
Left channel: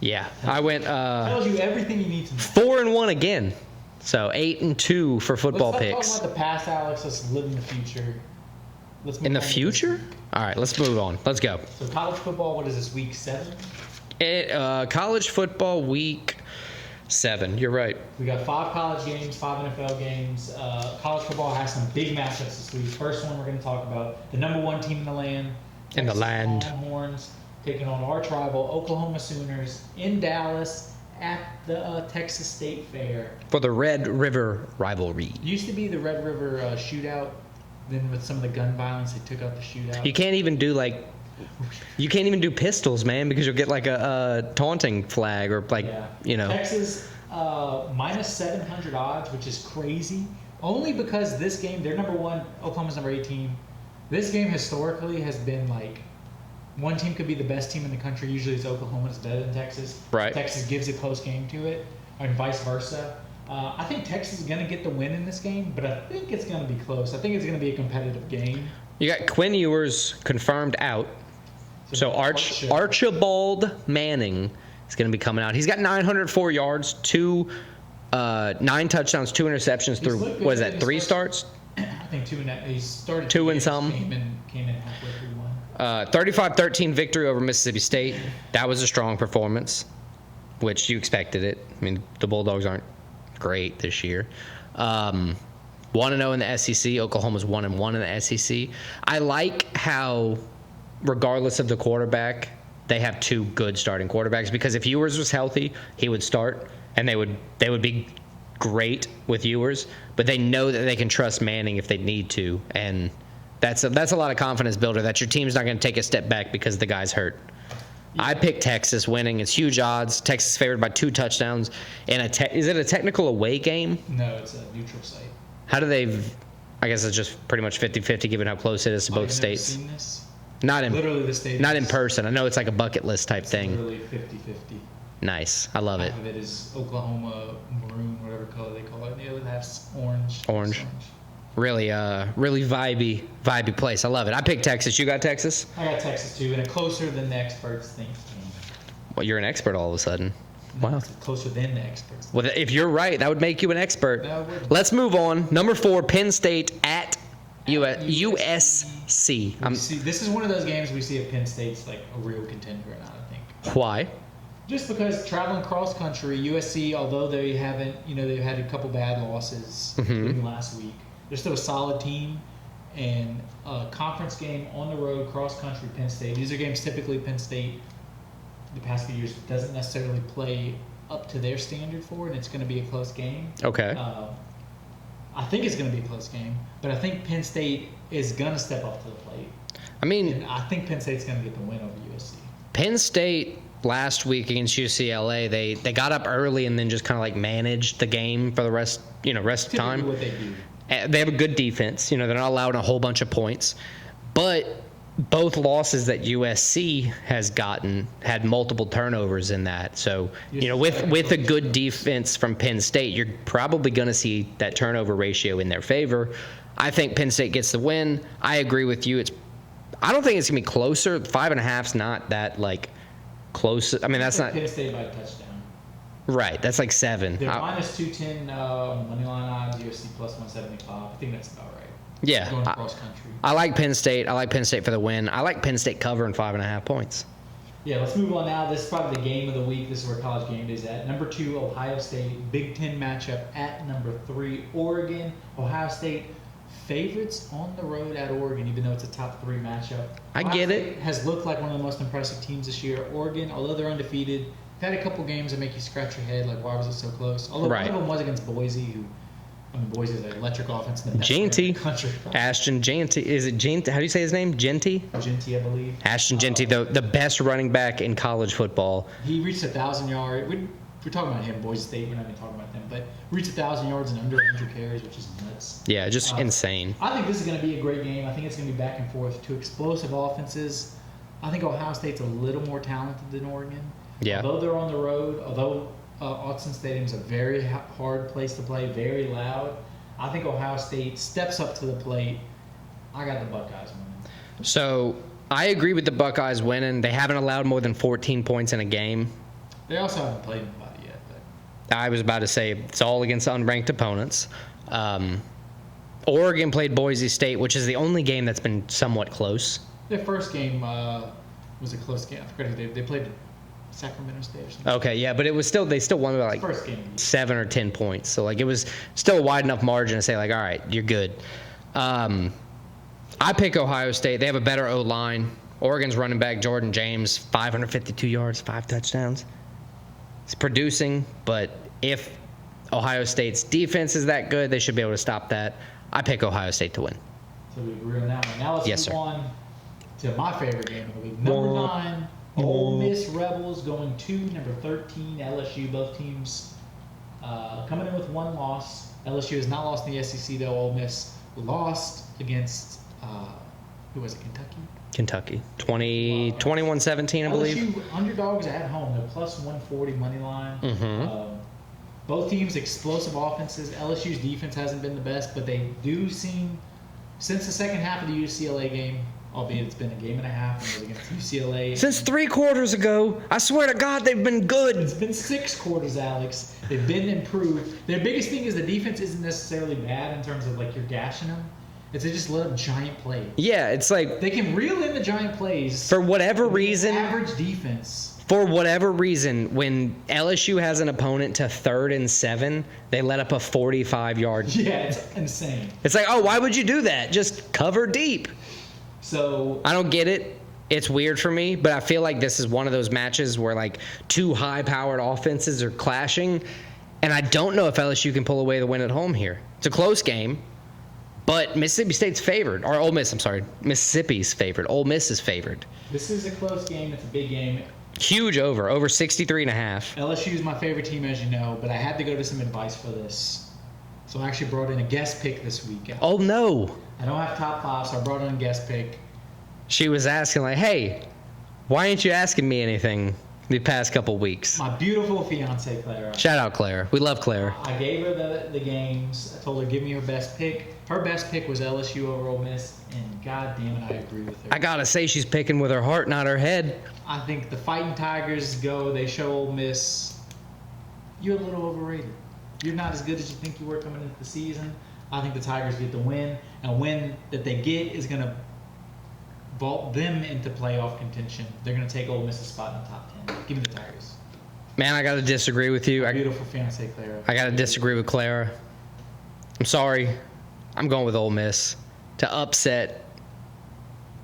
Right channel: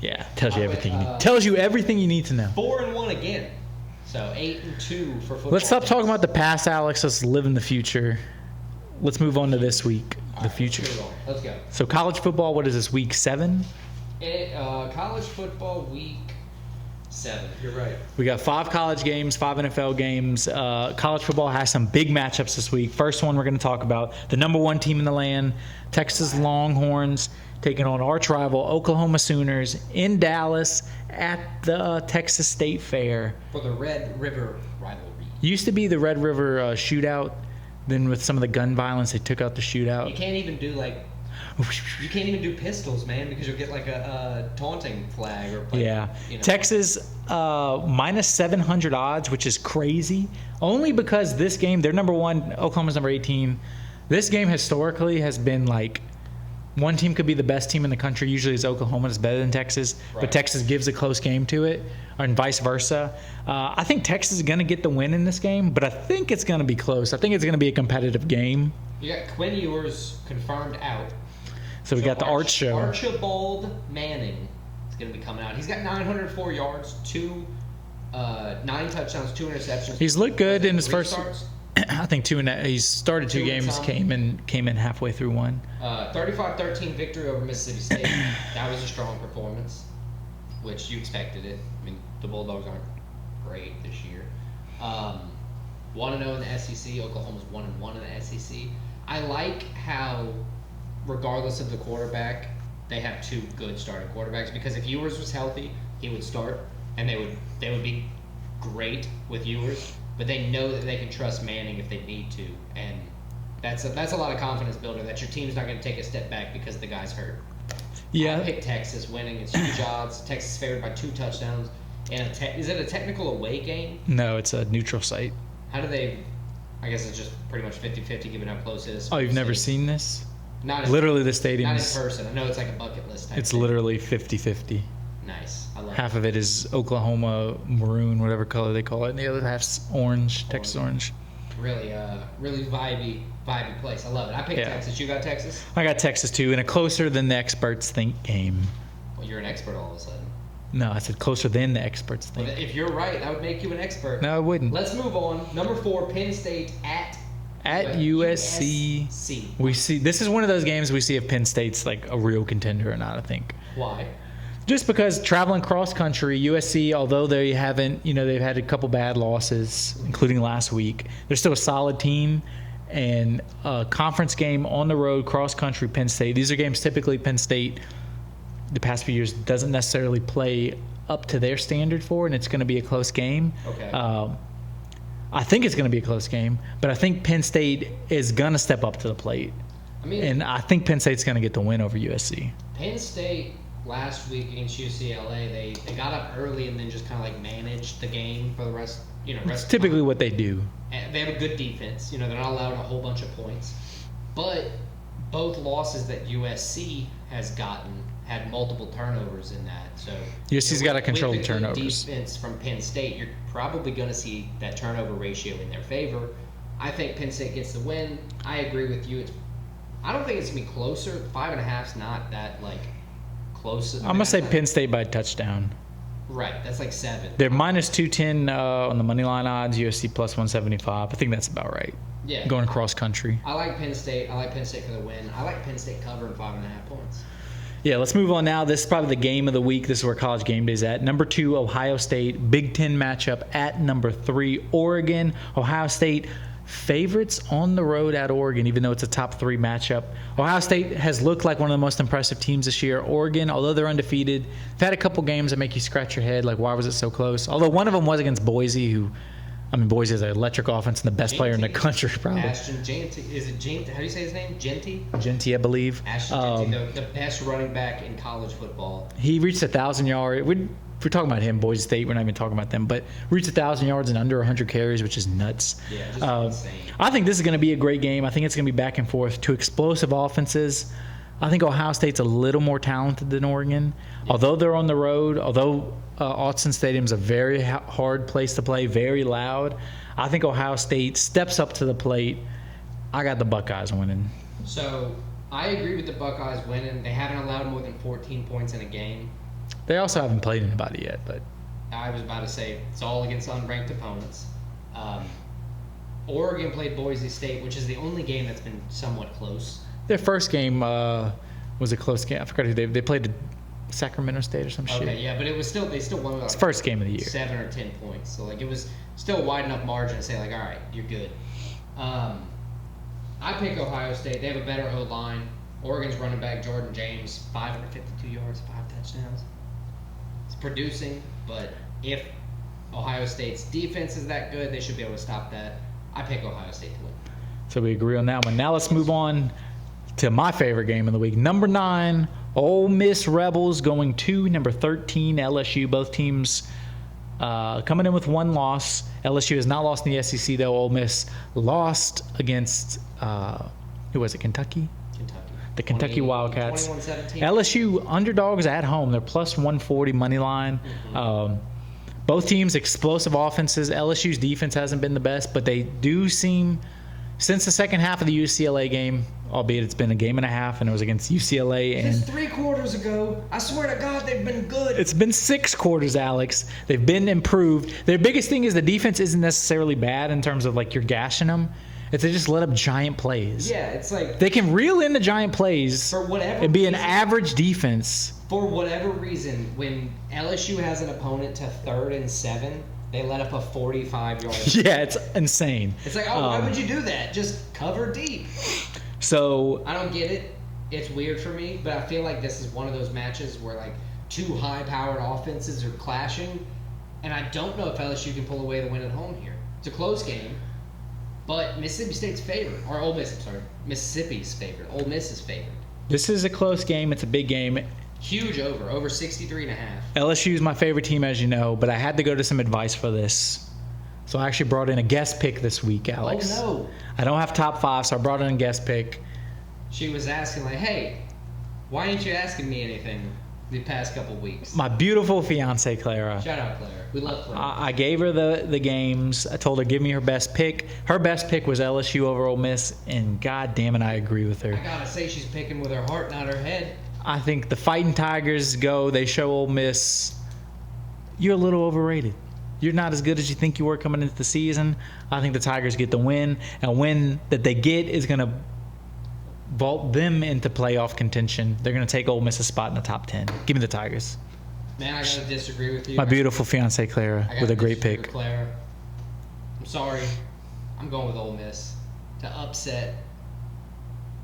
Yeah. Tells you everything you need to know. 4-1 again. So 8-2 for football. Let's stop picks. talking about the past, Alex. Let's live in the future. Let's move on to this week. All right, let's move on. Let's go. So college football, what is this, week 7? College football week 7. You're right. We got 5 college games, 5 NFL games. College football has some big matchups this week. First one we're going to talk about, the number 1 team in the land, Texas Longhorns, taking on arch rival Oklahoma Sooners in Dallas at the Texas State Fair. For the Red River rivalry. Used to be the Red River shootout. Then with some of the gun violence, they took out the shootout. You can't even do pistols, man, because you'll get like a taunting flag or like, Texas minus 700 odds, which is crazy. Only because this game, they're number 1, Oklahoma's number 18. This game historically has been like one team could be the best team in the country. Usually it's Oklahoma is better than Texas. Right. But Texas gives a close game to it, and vice versa. I think Texas is going to get the win in this game, but I think it's going to be close. I think it's going to be a competitive game. You got Quinn Ewers confirmed out. So we got Archibald Manning is going to be coming out. He's got 904 yards, 9 touchdowns, 2 interceptions. He's looked good in his 3 first starts. I think 2 and he started 2 games, came in halfway through 1. 35-13 victory over Mississippi State. That was a strong performance, which you expected it. I mean, the Bulldogs aren't great this year. 1-0 in the SEC. Oklahoma's 1-1 in the SEC. I like how, regardless of the quarterback, they have 2 good starting quarterbacks, because if Ewers was healthy, he would start, and they would be great with Ewers, but they know that they can trust Manning if they need to, and that's a lot of confidence builder that your team's not going to take a step back because the guy's hurt. Yeah. I picked Texas winning. It's huge odds. Texas favored by 2 touchdowns. And is it a technical away game? No, it's a neutral site. How do they? I guess it's just pretty much 50-50 given how close it is to both states. You've never seen this? Not in, literally the stadium. Not in person. I know it's like a bucket list type thing. It's literally 50-50. Nice. I love it. Half of it is Oklahoma maroon, whatever color they call it, and the other half's orange. Texas orange. Really vibey place. I love it. I picked Texas. You got Texas? I got Texas too, in a closer than the experts think game. Well, you're an expert all of a sudden. No, I said closer than the experts think. Well, if you're right, that would make you an expert. No, it wouldn't. Let's move on. Number 4, Penn State at USC. USC. This is one of those games we see if Penn State's like a real contender or not, I think. Why? Just because traveling cross country, USC, although they haven't, they've had a couple bad losses, including last week, they're still a solid team. And a conference game on the road, cross country, Penn State. These are games typically Penn State, the past few years, doesn't necessarily play up to their standard for, and it's going to be a close game. Okay. I think it's going to be a close game, but I think Penn State is going to step up to the plate. And I think Penn State's going to get the win over USC. Penn State last week against UCLA, they got up early and then just kind of like managed the game for the rest of the time. Typically what they do. They have a good defense. They're not allowing a whole bunch of points. But both losses that USC has gotten had multiple turnovers in that. So with a good defense from Penn State, you're probably going to see that turnover ratio in their favor. I think Penn State gets the win. I agree with you. I don't think it's going to be closer. 5.5's not that close. I'm going to say Penn State by a touchdown. Right, that's like 7. They're minus 210 on the money line odds. UFC plus 175. I think that's about right. Yeah, going across country. I like Penn State. I like Penn State for the win. I like Penn State covering 5.5 points. Yeah, let's move on now. This is probably the game of the week. This is where College Game Day's at. Number 2, Ohio State. Big Ten matchup at number 3, Oregon. Ohio State favorites on the road at Oregon, even though it's a top 3 matchup. Ohio State has looked like one of the most impressive teams this year. Oregon, although they're undefeated, they've had a couple games that make you scratch your head, like why was it so close? Although one of them was against Boise, who, I mean, Boise is an electric offense and the best player in the country. Probably. Ashton Jeanty. Is it Jeanty? How do you say his name? Jeanty? Jeanty, I believe. Ashton Jeanty, the best running back in college football. He reached 1,000 yards. If we're talking about him, Boise State, we're not even talking about them, but reached 1,000 yards in under 100 carries, which is nuts. Yeah, just insane. I think this is going to be a great game. I think it's going to be back and forth. 2 explosive offenses. I think Ohio State's a little more talented than Oregon. Yeah. Although they're on the road, although Autzen Stadium's a very hard place to play, very loud, I think Ohio State steps up to the plate. I got the Buckeyes winning. So I agree with the Buckeyes winning. They haven't allowed more than 14 points in a game. They also haven't played anybody yet, but I was about to say it's all against unranked opponents. Oregon played Boise State, which is the only game that's been somewhat close. Their first game was a close game. I forgot who they played. Sacramento State or something. Okay, yeah, but it was still, they still won by like first game of the year, 7 or 10 points. So like it was still a wide enough margin to say like, all right, you're good. I pick Ohio State. They have a better O line. Oregon's running back Jordan James, 552 yards, 5 touchdowns. It's producing, but if Ohio State's defense is that good, they should be able to stop that. I pick Ohio State to win. So we agree on that one. Now let's move on to my favorite game of the week. Number 9, Ole Miss Rebels going to number 13, LSU. Both teams coming in with 1 loss. LSU has not lost in the SEC, though. Ole Miss lost against, who was it, Kentucky? Kentucky. The Kentucky Wildcats. 21-17. LSU underdogs at home. They're plus 140 money line. Mm-hmm. Both teams explosive offenses. LSU's defense hasn't been the best, but they do seem, since the second half of the UCLA game, albeit it's been a game and a half, and it was against UCLA. Since 3 quarters ago, I swear to God, they've been good. It's been 6 quarters, Alex. They've been improved. Their biggest thing is the defense isn't necessarily bad in terms of like you're gashing them. It's they just let up giant plays. Yeah, it's like they can reel in the giant plays for whatever reason. Be an average defense. For whatever reason, when LSU has an opponent to 3rd and 7, they let up a 45-yard. Yeah, it's insane. It's like, oh, why would you do that? Just cover deep. So I don't get it. It's weird for me, but I feel like this is one of those matches where like 2 high-powered offenses are clashing, and I don't know if LSU can pull away the win at home here. It's a close game, but Mississippi State's favored, or Ole Miss. I'm sorry, Mississippi's favored. Ole Miss is favored. This is a close game. It's a big game. Huge over 63.5. LSU is my favorite team, as you know, but I had to go to some advice for this. So I actually brought in a guest pick this week, Alex. Oh, no. I don't have top 5, so I brought in a guest pick. She was asking, like, hey, why ain't you asking me anything the past couple weeks? My beautiful fiance, Clara. Shout out, Clara. We love Clara. I gave her the games. I told her, give me her best pick. Her best pick was LSU over Ole Miss, and God damn it, I agree with her. I got to say, she's picking with her heart, not her head. I think the Fighting Tigers go. They show Ole Miss, you're a little overrated. You're not as good as you think you were coming into the season. I think the Tigers get the win. And a win that they get is going to vault them into playoff contention. They're going to take Ole Miss a spot in the top 10. Give me the Tigers. Man, I got to disagree with you. My beautiful fiance, Clara. I got to disagree with Clara. I'm sorry. I'm going with Ole Miss to upset,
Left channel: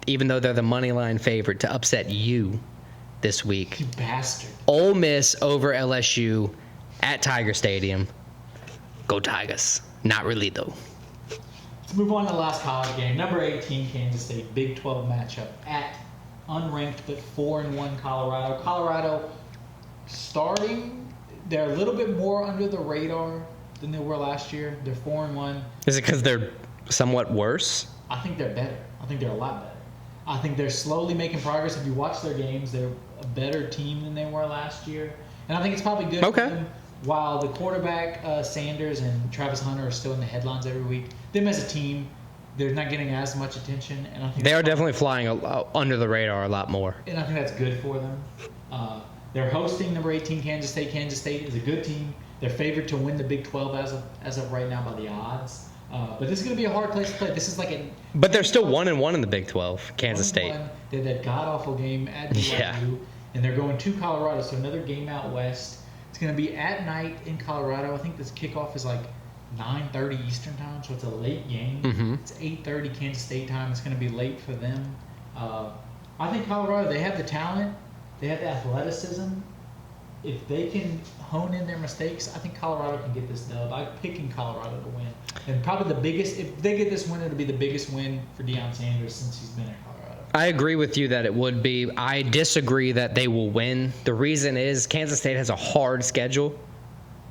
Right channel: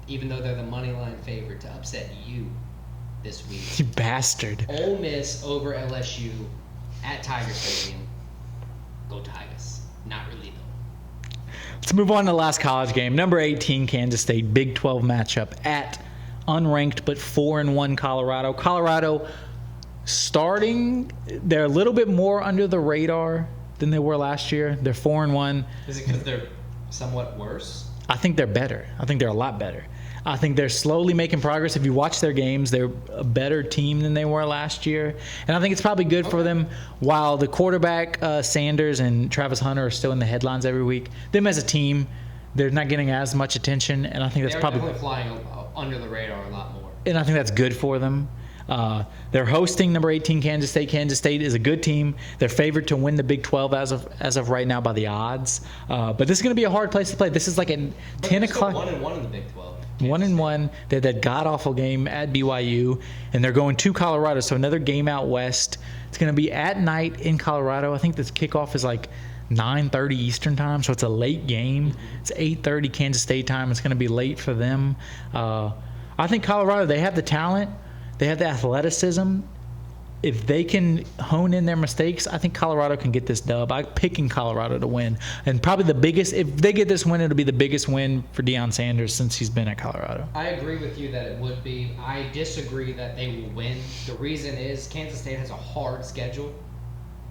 even though they're the money line favorite, to upset you this week. You bastard. Ole Miss over LSU at Tiger Stadium. Go Tigers. Not really, though. Let's move on to the last college game. Number 18, Kansas State, Big 12 matchup at unranked but 4-1 Colorado. Colorado starting, they're a little bit more under the radar than they were last year. They're 4-1. Is it because they're somewhat worse? I think they're better. I think they're a lot better. I think they're slowly making progress. If you watch their games, they're a better team than they were last year. And I think it's probably good for them. While the quarterback, Sanders and Travis Hunter, are still in the headlines every week, them as a team, they're not getting as much attention, and I think They that's are definitely flying under the radar a lot more. and I think that's good for them. They're hosting number 18 Kansas State. Kansas State is a good team. They're favored to win the Big 12 as of right now by the odds. But this is going to be a hard place to play. This is like But they're still 1-1 in the Big 12. Kansas State. 1-1. They had that god awful game at BYU, and they're going to Colorado. So another game out west. It's going to be at night in Colorado. I think this kickoff is like 9:30 Eastern time, so it's a late game. Mm-hmm. It's 8:30 Kansas State time. It's going to be late for them. I think Colorado, they have the talent. They have the athleticism. If they can hone in their mistakes, I think Colorado can get this dub. I'm picking Colorado to win. And probably the biggest, if they get this win, it'll be the biggest win for Deion Sanders since he's been at Colorado. I agree with you that it would be. I disagree that they will win. The reason is Kansas State has a hard schedule.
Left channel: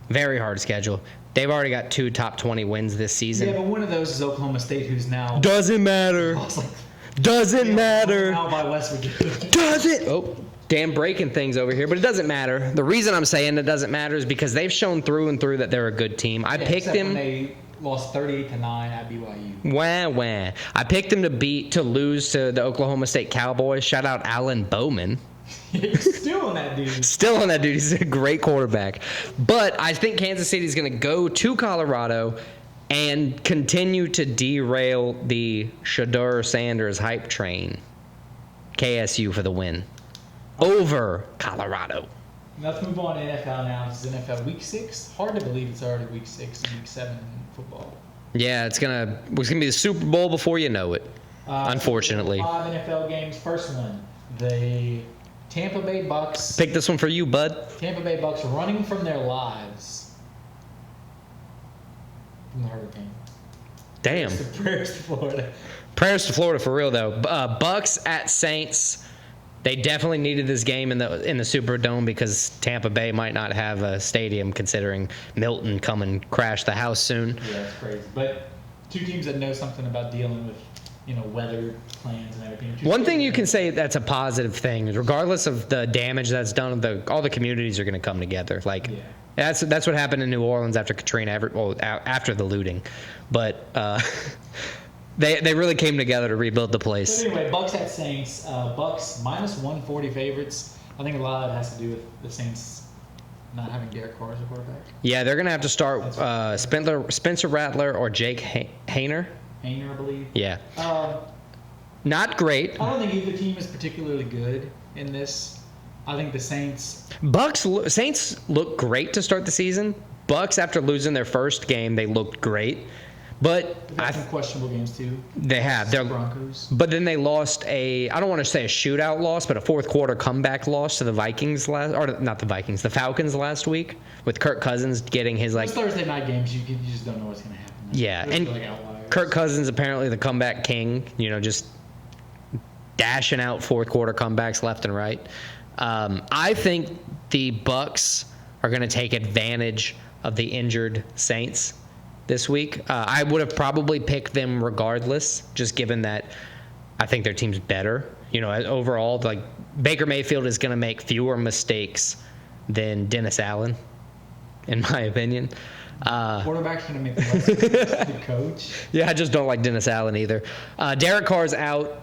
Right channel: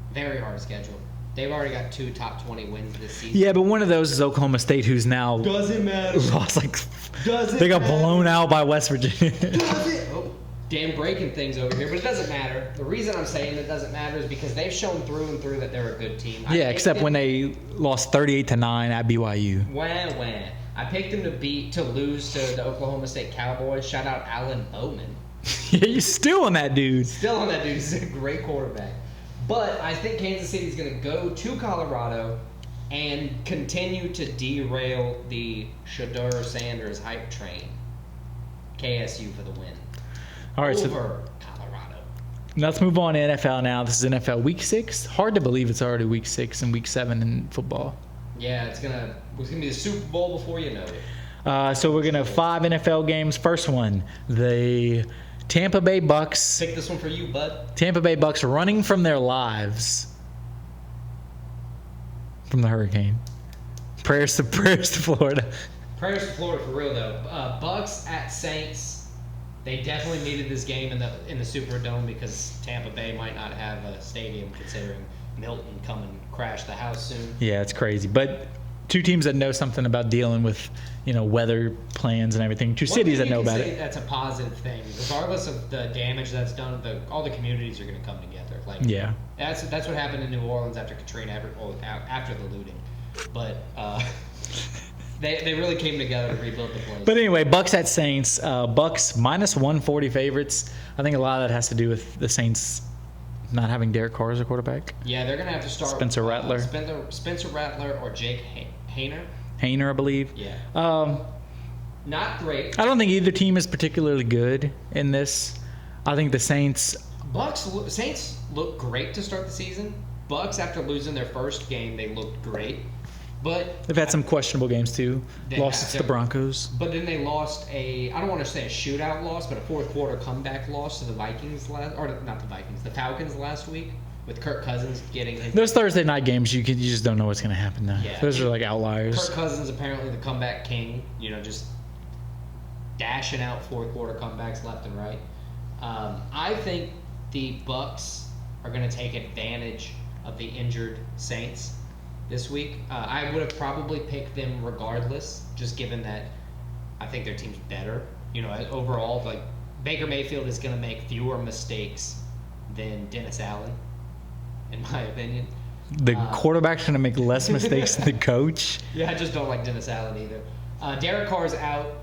Very hard schedule. They've already got 2 top 20 wins this season. Yeah, but one of those is Oklahoma State, who's now doesn't matter. Lost like Doesn't they got matter. blown out by West Virginia. Does it? Oh, damn breaking things over here, but it doesn't matter. The reason I'm saying it doesn't matter is because they've shown through and through that they're a good team. I picked except them, when they lost 38-9 at BYU. Wah. I picked them to lose to the Oklahoma State Cowboys. Shout out Alan Bowman. Yeah, you're still on that dude. Still on that dude. He's a great quarterback. But I think Kansas City is going to go to Colorado and continue to derail the Shedeur Sanders hype train. KSU for the win. All right, Over Colorado. Let's move on to NFL now. This is NFL Week 6. Hard to believe it's already Week 6 and Week 7 in football. Yeah, it's gonna be the Super Bowl before you know it. So we're going to have Unfortunately. 5 NFL games. First one, the Tampa Bay Bucks. Pick this one for you, bud. Tampa Bay Bucks running from their lives from the hurricane. Damn. Prayers to Florida. Prayers to Florida for real though. Bucks at Saints. They definitely needed this game in the Superdome because Tampa Bay might not have a stadium considering Milton come and crash the house soon. Yeah, it's crazy. But two teams that know something about dealing with, weather plans and everything. One thing you can say that's a positive thing is regardless of the damage that's done, all the communities are going to come together. Yeah. That's what happened in New Orleans after Katrina, after the looting. But they really came together to rebuild the place. But anyway, Bucks at Saints. Bucks minus 140 favorites. I think a lot of that has to do with the Saints not having Derek Carr as a quarterback. Yeah, they're going to have to start Spencer Rattler. Spencer Rattler or Jake Hayner. Hayner, I believe. Yeah. Not great. I don't think either team is particularly good in this. I think the Saints look great to start the season. Bucks, after losing their first game, they looked great. But they've had some questionable games too. They have the Broncos, but then they lost I don't want to say a shootout loss, but a fourth quarter comeback loss to the Vikings the Falcons last week with Kirk Cousins getting his. Those Thursday night games, you just don't know what's going to happen now. Yeah, those are like outliers. Kirk Cousins apparently the comeback king. Just dashing out fourth quarter comebacks left and right. I think the Bucks are going to take advantage of the injured Saints this week. I would have probably picked them regardless, just given that I think their team's better. Overall, like Baker Mayfield is going to make fewer mistakes than Dennis Allen, in my opinion. The quarterback's going to make less mistakes than the coach. Yeah, I just don't like Dennis Allen either. Derek Carr's out.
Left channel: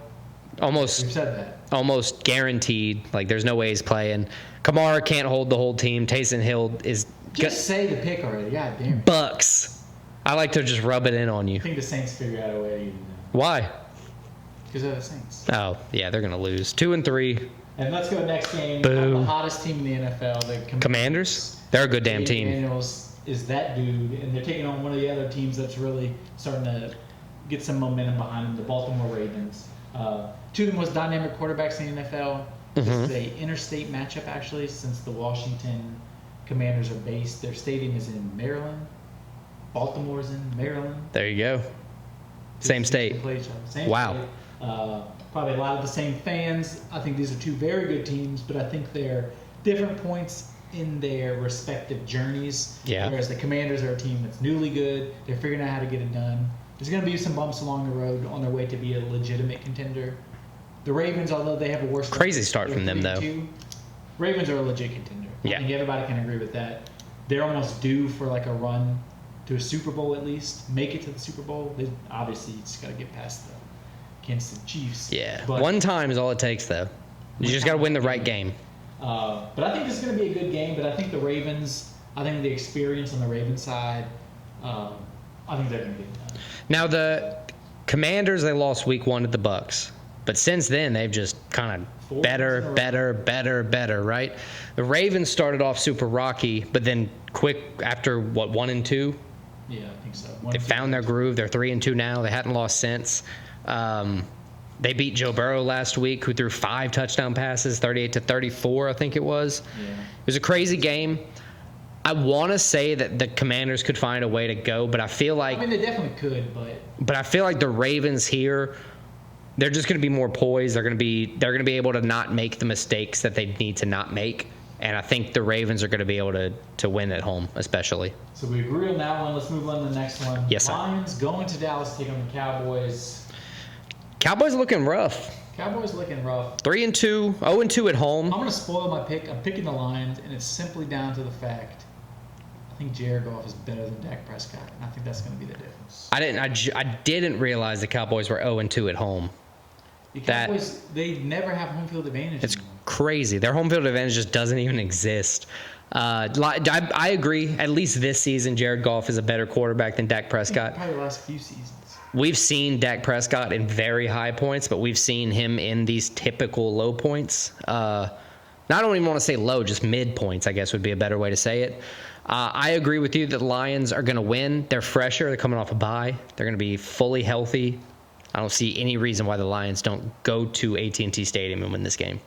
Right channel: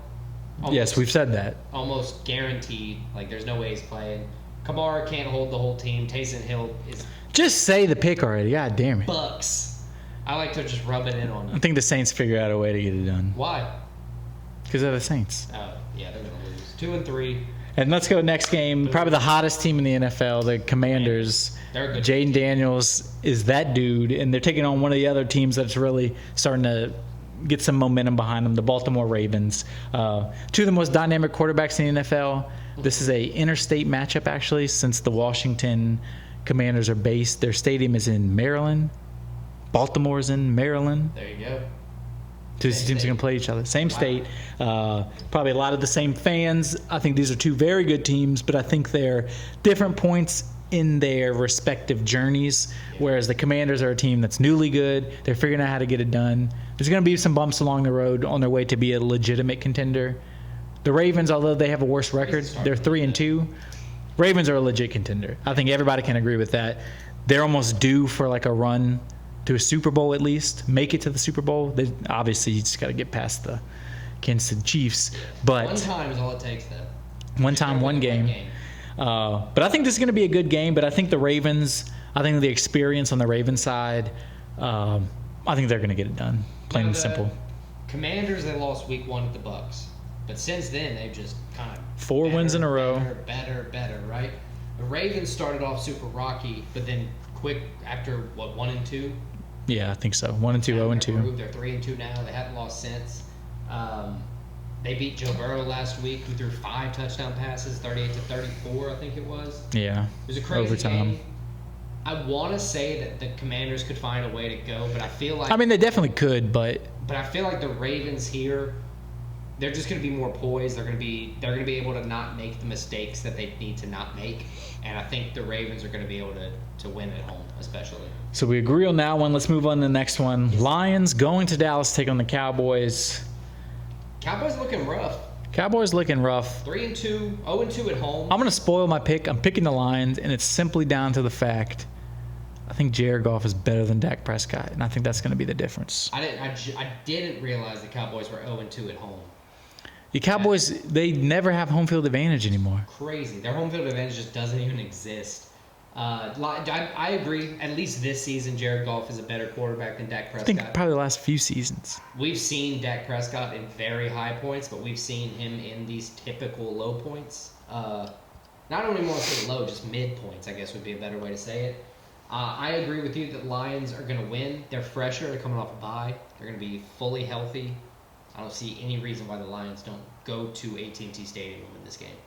Yes, we've said that. Almost guaranteed. Like, there's no way he's playing. Kamara can't hold the whole team. Taysom Hill is... Just say the pick already. God damn it. Bucks. I like to just rub it in on you. I think the Saints figure out a way to get it done. Why? Because they're the Saints. Oh, yeah, they're going to lose. 2-3. And let's go next game. Boom. Probably the hottest team in the NFL, the Commanders. They're a good damn Jaden team. Daniels is that dude, and they're taking on one of the other teams that's really starting to get some momentum behind them, the Baltimore Ravens. Two of the most dynamic quarterbacks in the NFL. Mm-hmm. This is a interstate matchup, actually, since the Washington Commanders are based. Their stadium is in Maryland. Baltimore's in Maryland. There you go. Two Same teams state. are gonna play each other. Same Wow. state. Probably a lot of the same fans. I think these are two very good teams, but I think they're different points in their respective journeys. Yeah. Whereas the Commanders are a team that's newly good. They're figuring out how to get it done. There's going to be some bumps along the road on their way to be a legitimate contender. The Ravens, although they have a worse record, Start they're from them, 3-2. Ravens are a legit contender. Yeah. I think everybody can agree with that. They're almost due for like a run to a Super Bowl at least, make it to the Super Bowl. They obviously you just got to get past the Kansas City Chiefs. Yeah, but one time is all it takes, though. One You just time, gotta win one the right game. game. But I think this is going to be a good game. But I think the Ravens, I think the experience on the Ravens side, I think they're going to get it done. Now the Simple. Commanders, they lost week 1 at the Bucks, but since then they've just kind of 4 wins in a row. better, right? The Ravens started off super rocky, but then quick after 1 and 2, Yeah, I think so. 1 and 2. found their 0-2. groove. They're 3-2 now. They hadn't lost since. They beat Joe Burrow last week, who threw 5 touchdown passes, 38-34, I think it was. Yeah, It was a crazy Overtime. game. I want to say that the Commanders could find a way to go, but I feel like I mean they definitely could, but I feel like the Ravens here, they're just going to be more poised. They're going to be able to not make the mistakes that they need to not make, and I think the Ravens are going to be able to win at home, especially. so we agree on that one. Let's move on to the next one. Yes, sir. Lions going to Dallas to take on the Cowboys. Cowboys looking rough. Cowboys looking rough. 3-2, 0-2 at home. I'm going to spoil my pick. I'm picking the Lions, and it's simply down to the fact I think Jared Goff is better than Dak Prescott, and I think that's going to be the difference. I didn't realize the Cowboys were 0-2 at home. The Cowboys, they never have home field advantage anymore. Crazy. Their home field advantage just doesn't even exist. I agree. At least this season, Jared Goff is a better quarterback than Dak I think Prescott. probably the last few seasons. We've seen Dak Prescott in very high points, but we've seen him in these typical low points. I don't even want to say low, just mid points, I guess would be a better way to say it. I agree with you that the Lions are going to win. They're fresher. They're coming off a bye. They're going to be fully healthy. I don't see any reason why the Lions don't go to AT&T Stadium and win this game.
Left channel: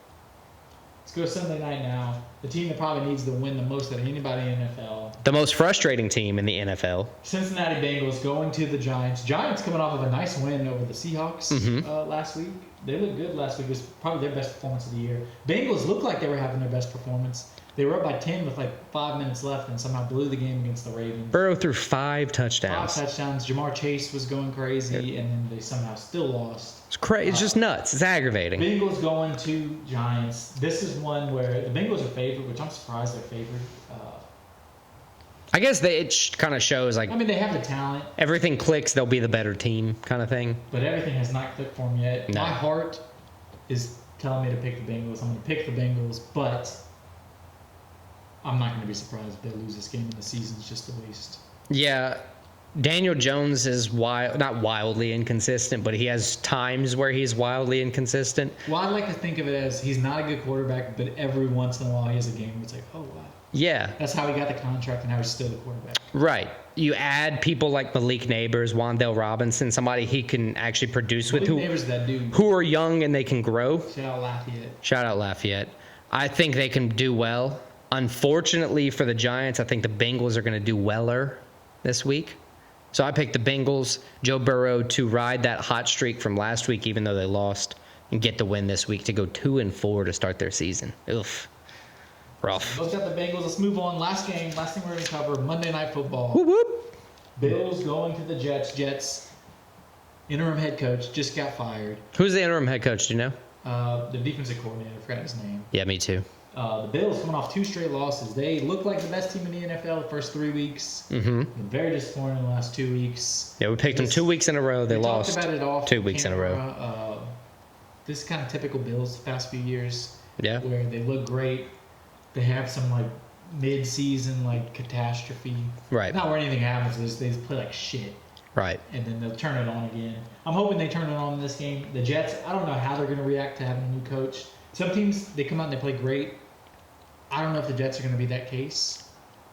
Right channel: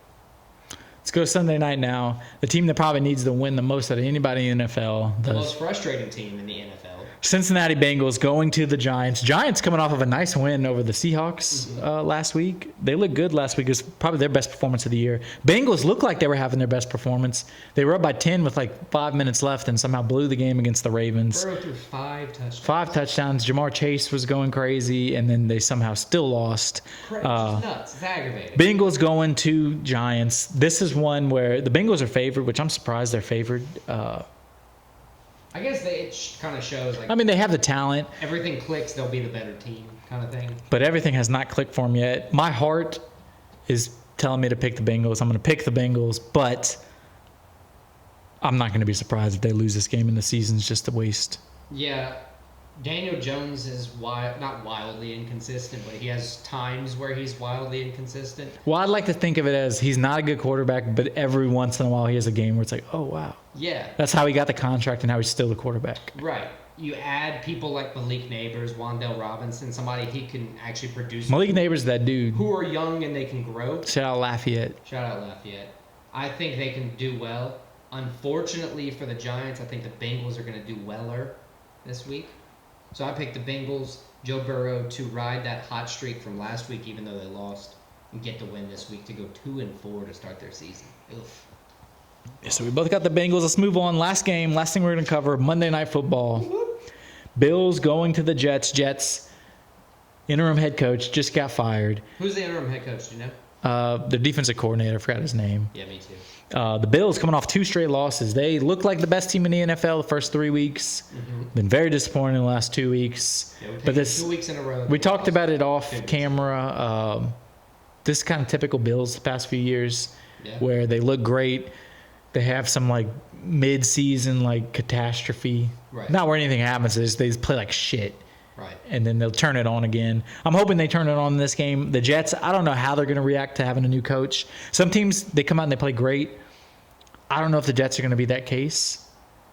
Let's go Sunday night now. The team that probably needs to win the most out of anybody in the NFL. The most frustrating team in the NFL. Cincinnati Bengals going to the Giants. Giants coming off of a nice win over the Seahawks last week. They looked good last week. It was probably their best performance of the year. Bengals looked like they were having their best performance. They were up by 10 with like 5 minutes left and somehow blew the game against the Ravens. Burrow threw 5 touchdowns. 5 touchdowns. Jamar Chase was going crazy, and then they somehow still lost. It's crazy. It's just nuts. It's aggravating. Bengals going to Giants. This is one where the Bengals are favored, which I'm surprised they're favored. I guess it kind of shows like I mean, they have the talent, everything clicks, they'll be the better team kind of thing. but everything has not clicked for them yet. No. My heart is telling me to pick the Bengals. I'm going to pick the Bengals, but I'm not going to be surprised if they lose this game and the season's just a waste. Yeah, Daniel Jones is not wildly inconsistent, but he has times where he's wildly inconsistent. Well, I like to think of it as he's not a good quarterback, but every once in a while he has a game where it's like, oh, wow. Yeah, That's how he got the contract and how he's still the quarterback. right. You add people like Malik Neighbors, Wan'Dale Robinson, somebody he can actually produce Malik with, Neighbors, that dude. who are young and they can grow. Shout out Lafayette. Shout out Lafayette. I think they can do well. Unfortunately for the Giants, I think the Bengals are going to do weller this week. So I picked the Bengals, Joe Burrow, to ride that hot streak from last week, even though they lost, and get the win this week to go 2-4 to start their season. Oof. So we both got the Bengals. Let's move on. Last game, last thing we're going to cover, Monday Night Football. Whoop, whoop. Bills going to the Jets. Jets, interim head coach, just got fired. Who's the interim head coach, do you know? The defensive coordinator, I forgot his name. Yeah, me too. The Bills coming off 2 straight losses. They look like the best team in the NFL the first 3 weeks. Mm-hmm. Been very disappointing in the last 2 weeks. Yeah, we picked them 2 weeks in a row. We talked about it off 2 weeks in a camera. This is kind of typical Bills the past few years. Yeah. Where they look great. They have some like mid-season like catastrophe. Right. Not where anything happens. They just play like shit. Right. And then they'll turn it on again. I'm hoping they turn it on in this game. The Jets, I don't know how they're going to react to having a new coach. Some teams, they come out and they play great. I don't know if the Jets are going to be that case.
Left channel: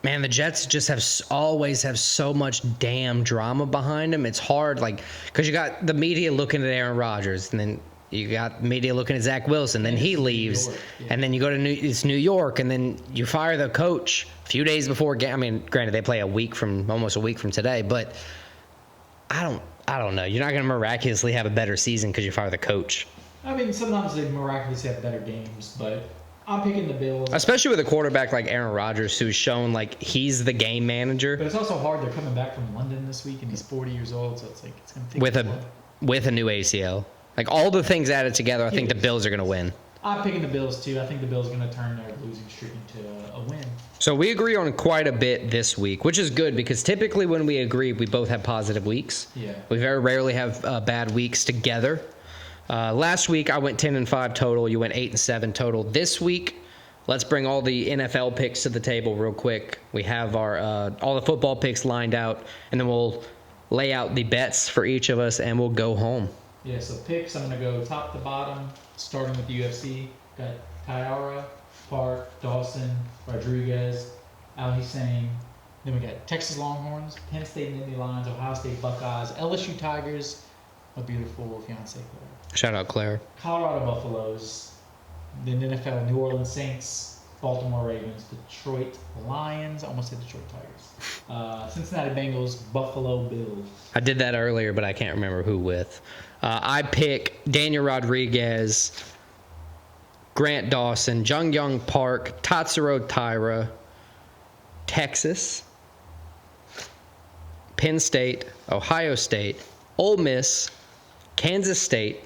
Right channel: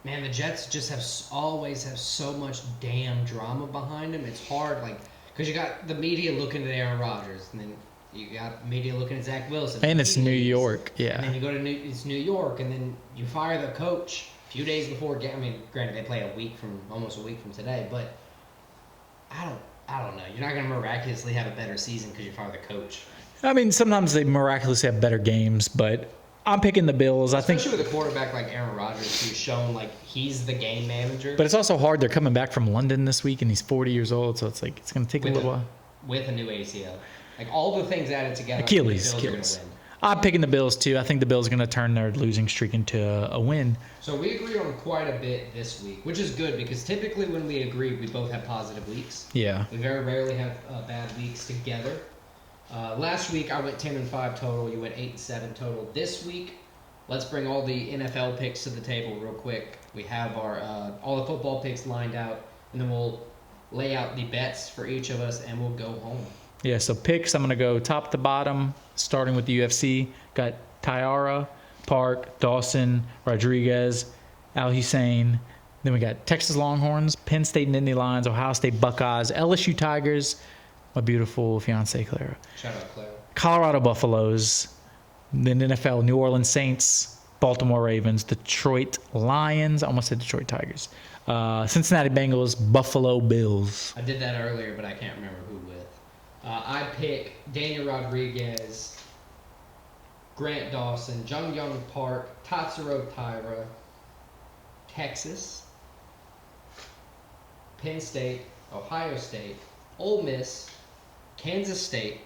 Man, the Jets just always have so much damn drama behind them. It's hard, like, because you got the media looking at Aaron Rodgers, and then you got media looking at Zach Wilson, and he leaves. New York. Yeah. And then you go to New York, and then you fire the coach a few days before game. I mean, granted, they play almost a week from today, but I don't know. You're not going to miraculously have a better season because you fire the coach. I mean, sometimes they miraculously have better games, but I'm picking the Bills. Especially with a quarterback like Aaron Rodgers, who's shown like he's the game manager. But it's also hard. They're coming back from London this week, and he's 40 years old, so it's like it's going to take a little while. With a new ACL. Like all the things added together, I think the Bills are going to win. I'm picking the Bills too. I think the Bills are going to turn their losing streak into a win. So we agree on quite a bit this week, which is good because typically when we agree, we both have positive weeks. Yeah. We very rarely have bad weeks together. Last week I went 10-5 total. You went 8-7 total. This week, let's bring all the NFL picks to the table real quick. We have our all the football picks lined out, and then we'll lay out the bets for each of us, and we'll go home. Yeah, so picks, I'm going to go top to bottom, starting with the UFC. Got Taira, Park, Dawson, Rodriguez, Al Hussein. Then we got Texas Longhorns, Penn State and Nittany Lions, Ohio State Buckeyes, LSU Tigers, my beautiful fiance Clara. Shout out Claire. Colorado Buffaloes, then NFL New Orleans Saints, Baltimore Ravens, Detroit Lions, I almost said Detroit Tigers, Cincinnati Bengals, Buffalo Bills. I did that earlier, but I can't remember who with. I pick Daniel Rodriguez, Grant Dawson, Jung Park, Tatsuro Taira, Texas, Penn State, Ohio State, Ole Miss, Kansas State,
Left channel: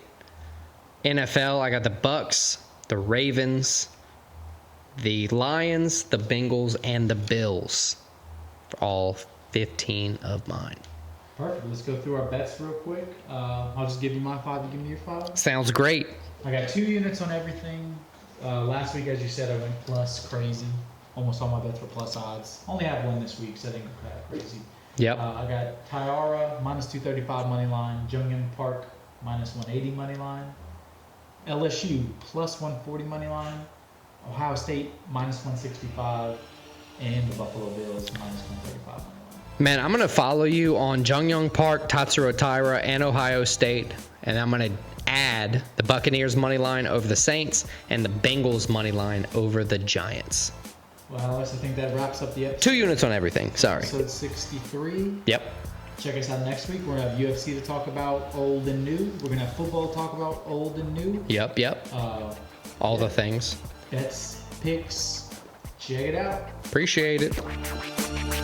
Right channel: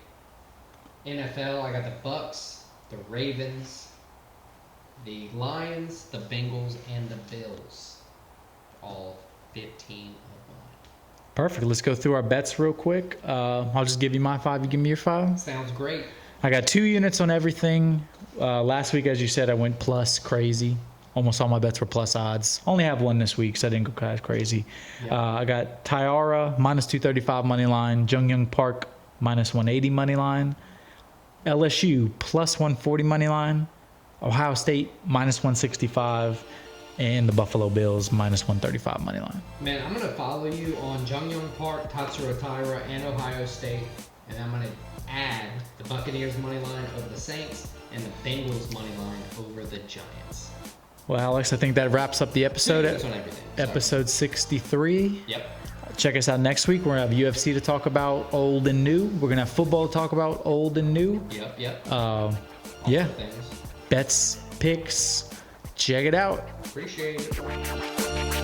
NFL. I got the Bucks, the Ravens, the Lions, the Bengals, and the Bills. All 15 of mine. Perfect. Let's go through our bets real quick. I'll just give you my 5. You give me your 5. Sounds great. I got 2 units on everything. Last week, as you said, I went plus crazy. Almost all my bets were plus odds. Only have 1 this week, so I didn't go kind of crazy. Yeah. I got Taira minus 235 money line. Jung Park minus 180 money line. LSU plus 140 money line. Ohio State minus 165. And the Buffalo Bills minus 135 money line. Man, I'm going to follow you on Jung Park, Tatsuro Taira, and Ohio State. And I'm going to add the Buccaneers money line over the Saints and the Bengals money line over the Giants. Well, Alex, I think that wraps up the episode. 2 units on everything. Sorry. Episode 63. Yep. Check us out next week. We're going to have UFC to talk about, old and new. We're going to have football to talk about, old and new. Yep. All the things. Bets, picks. Check it out. Appreciate it.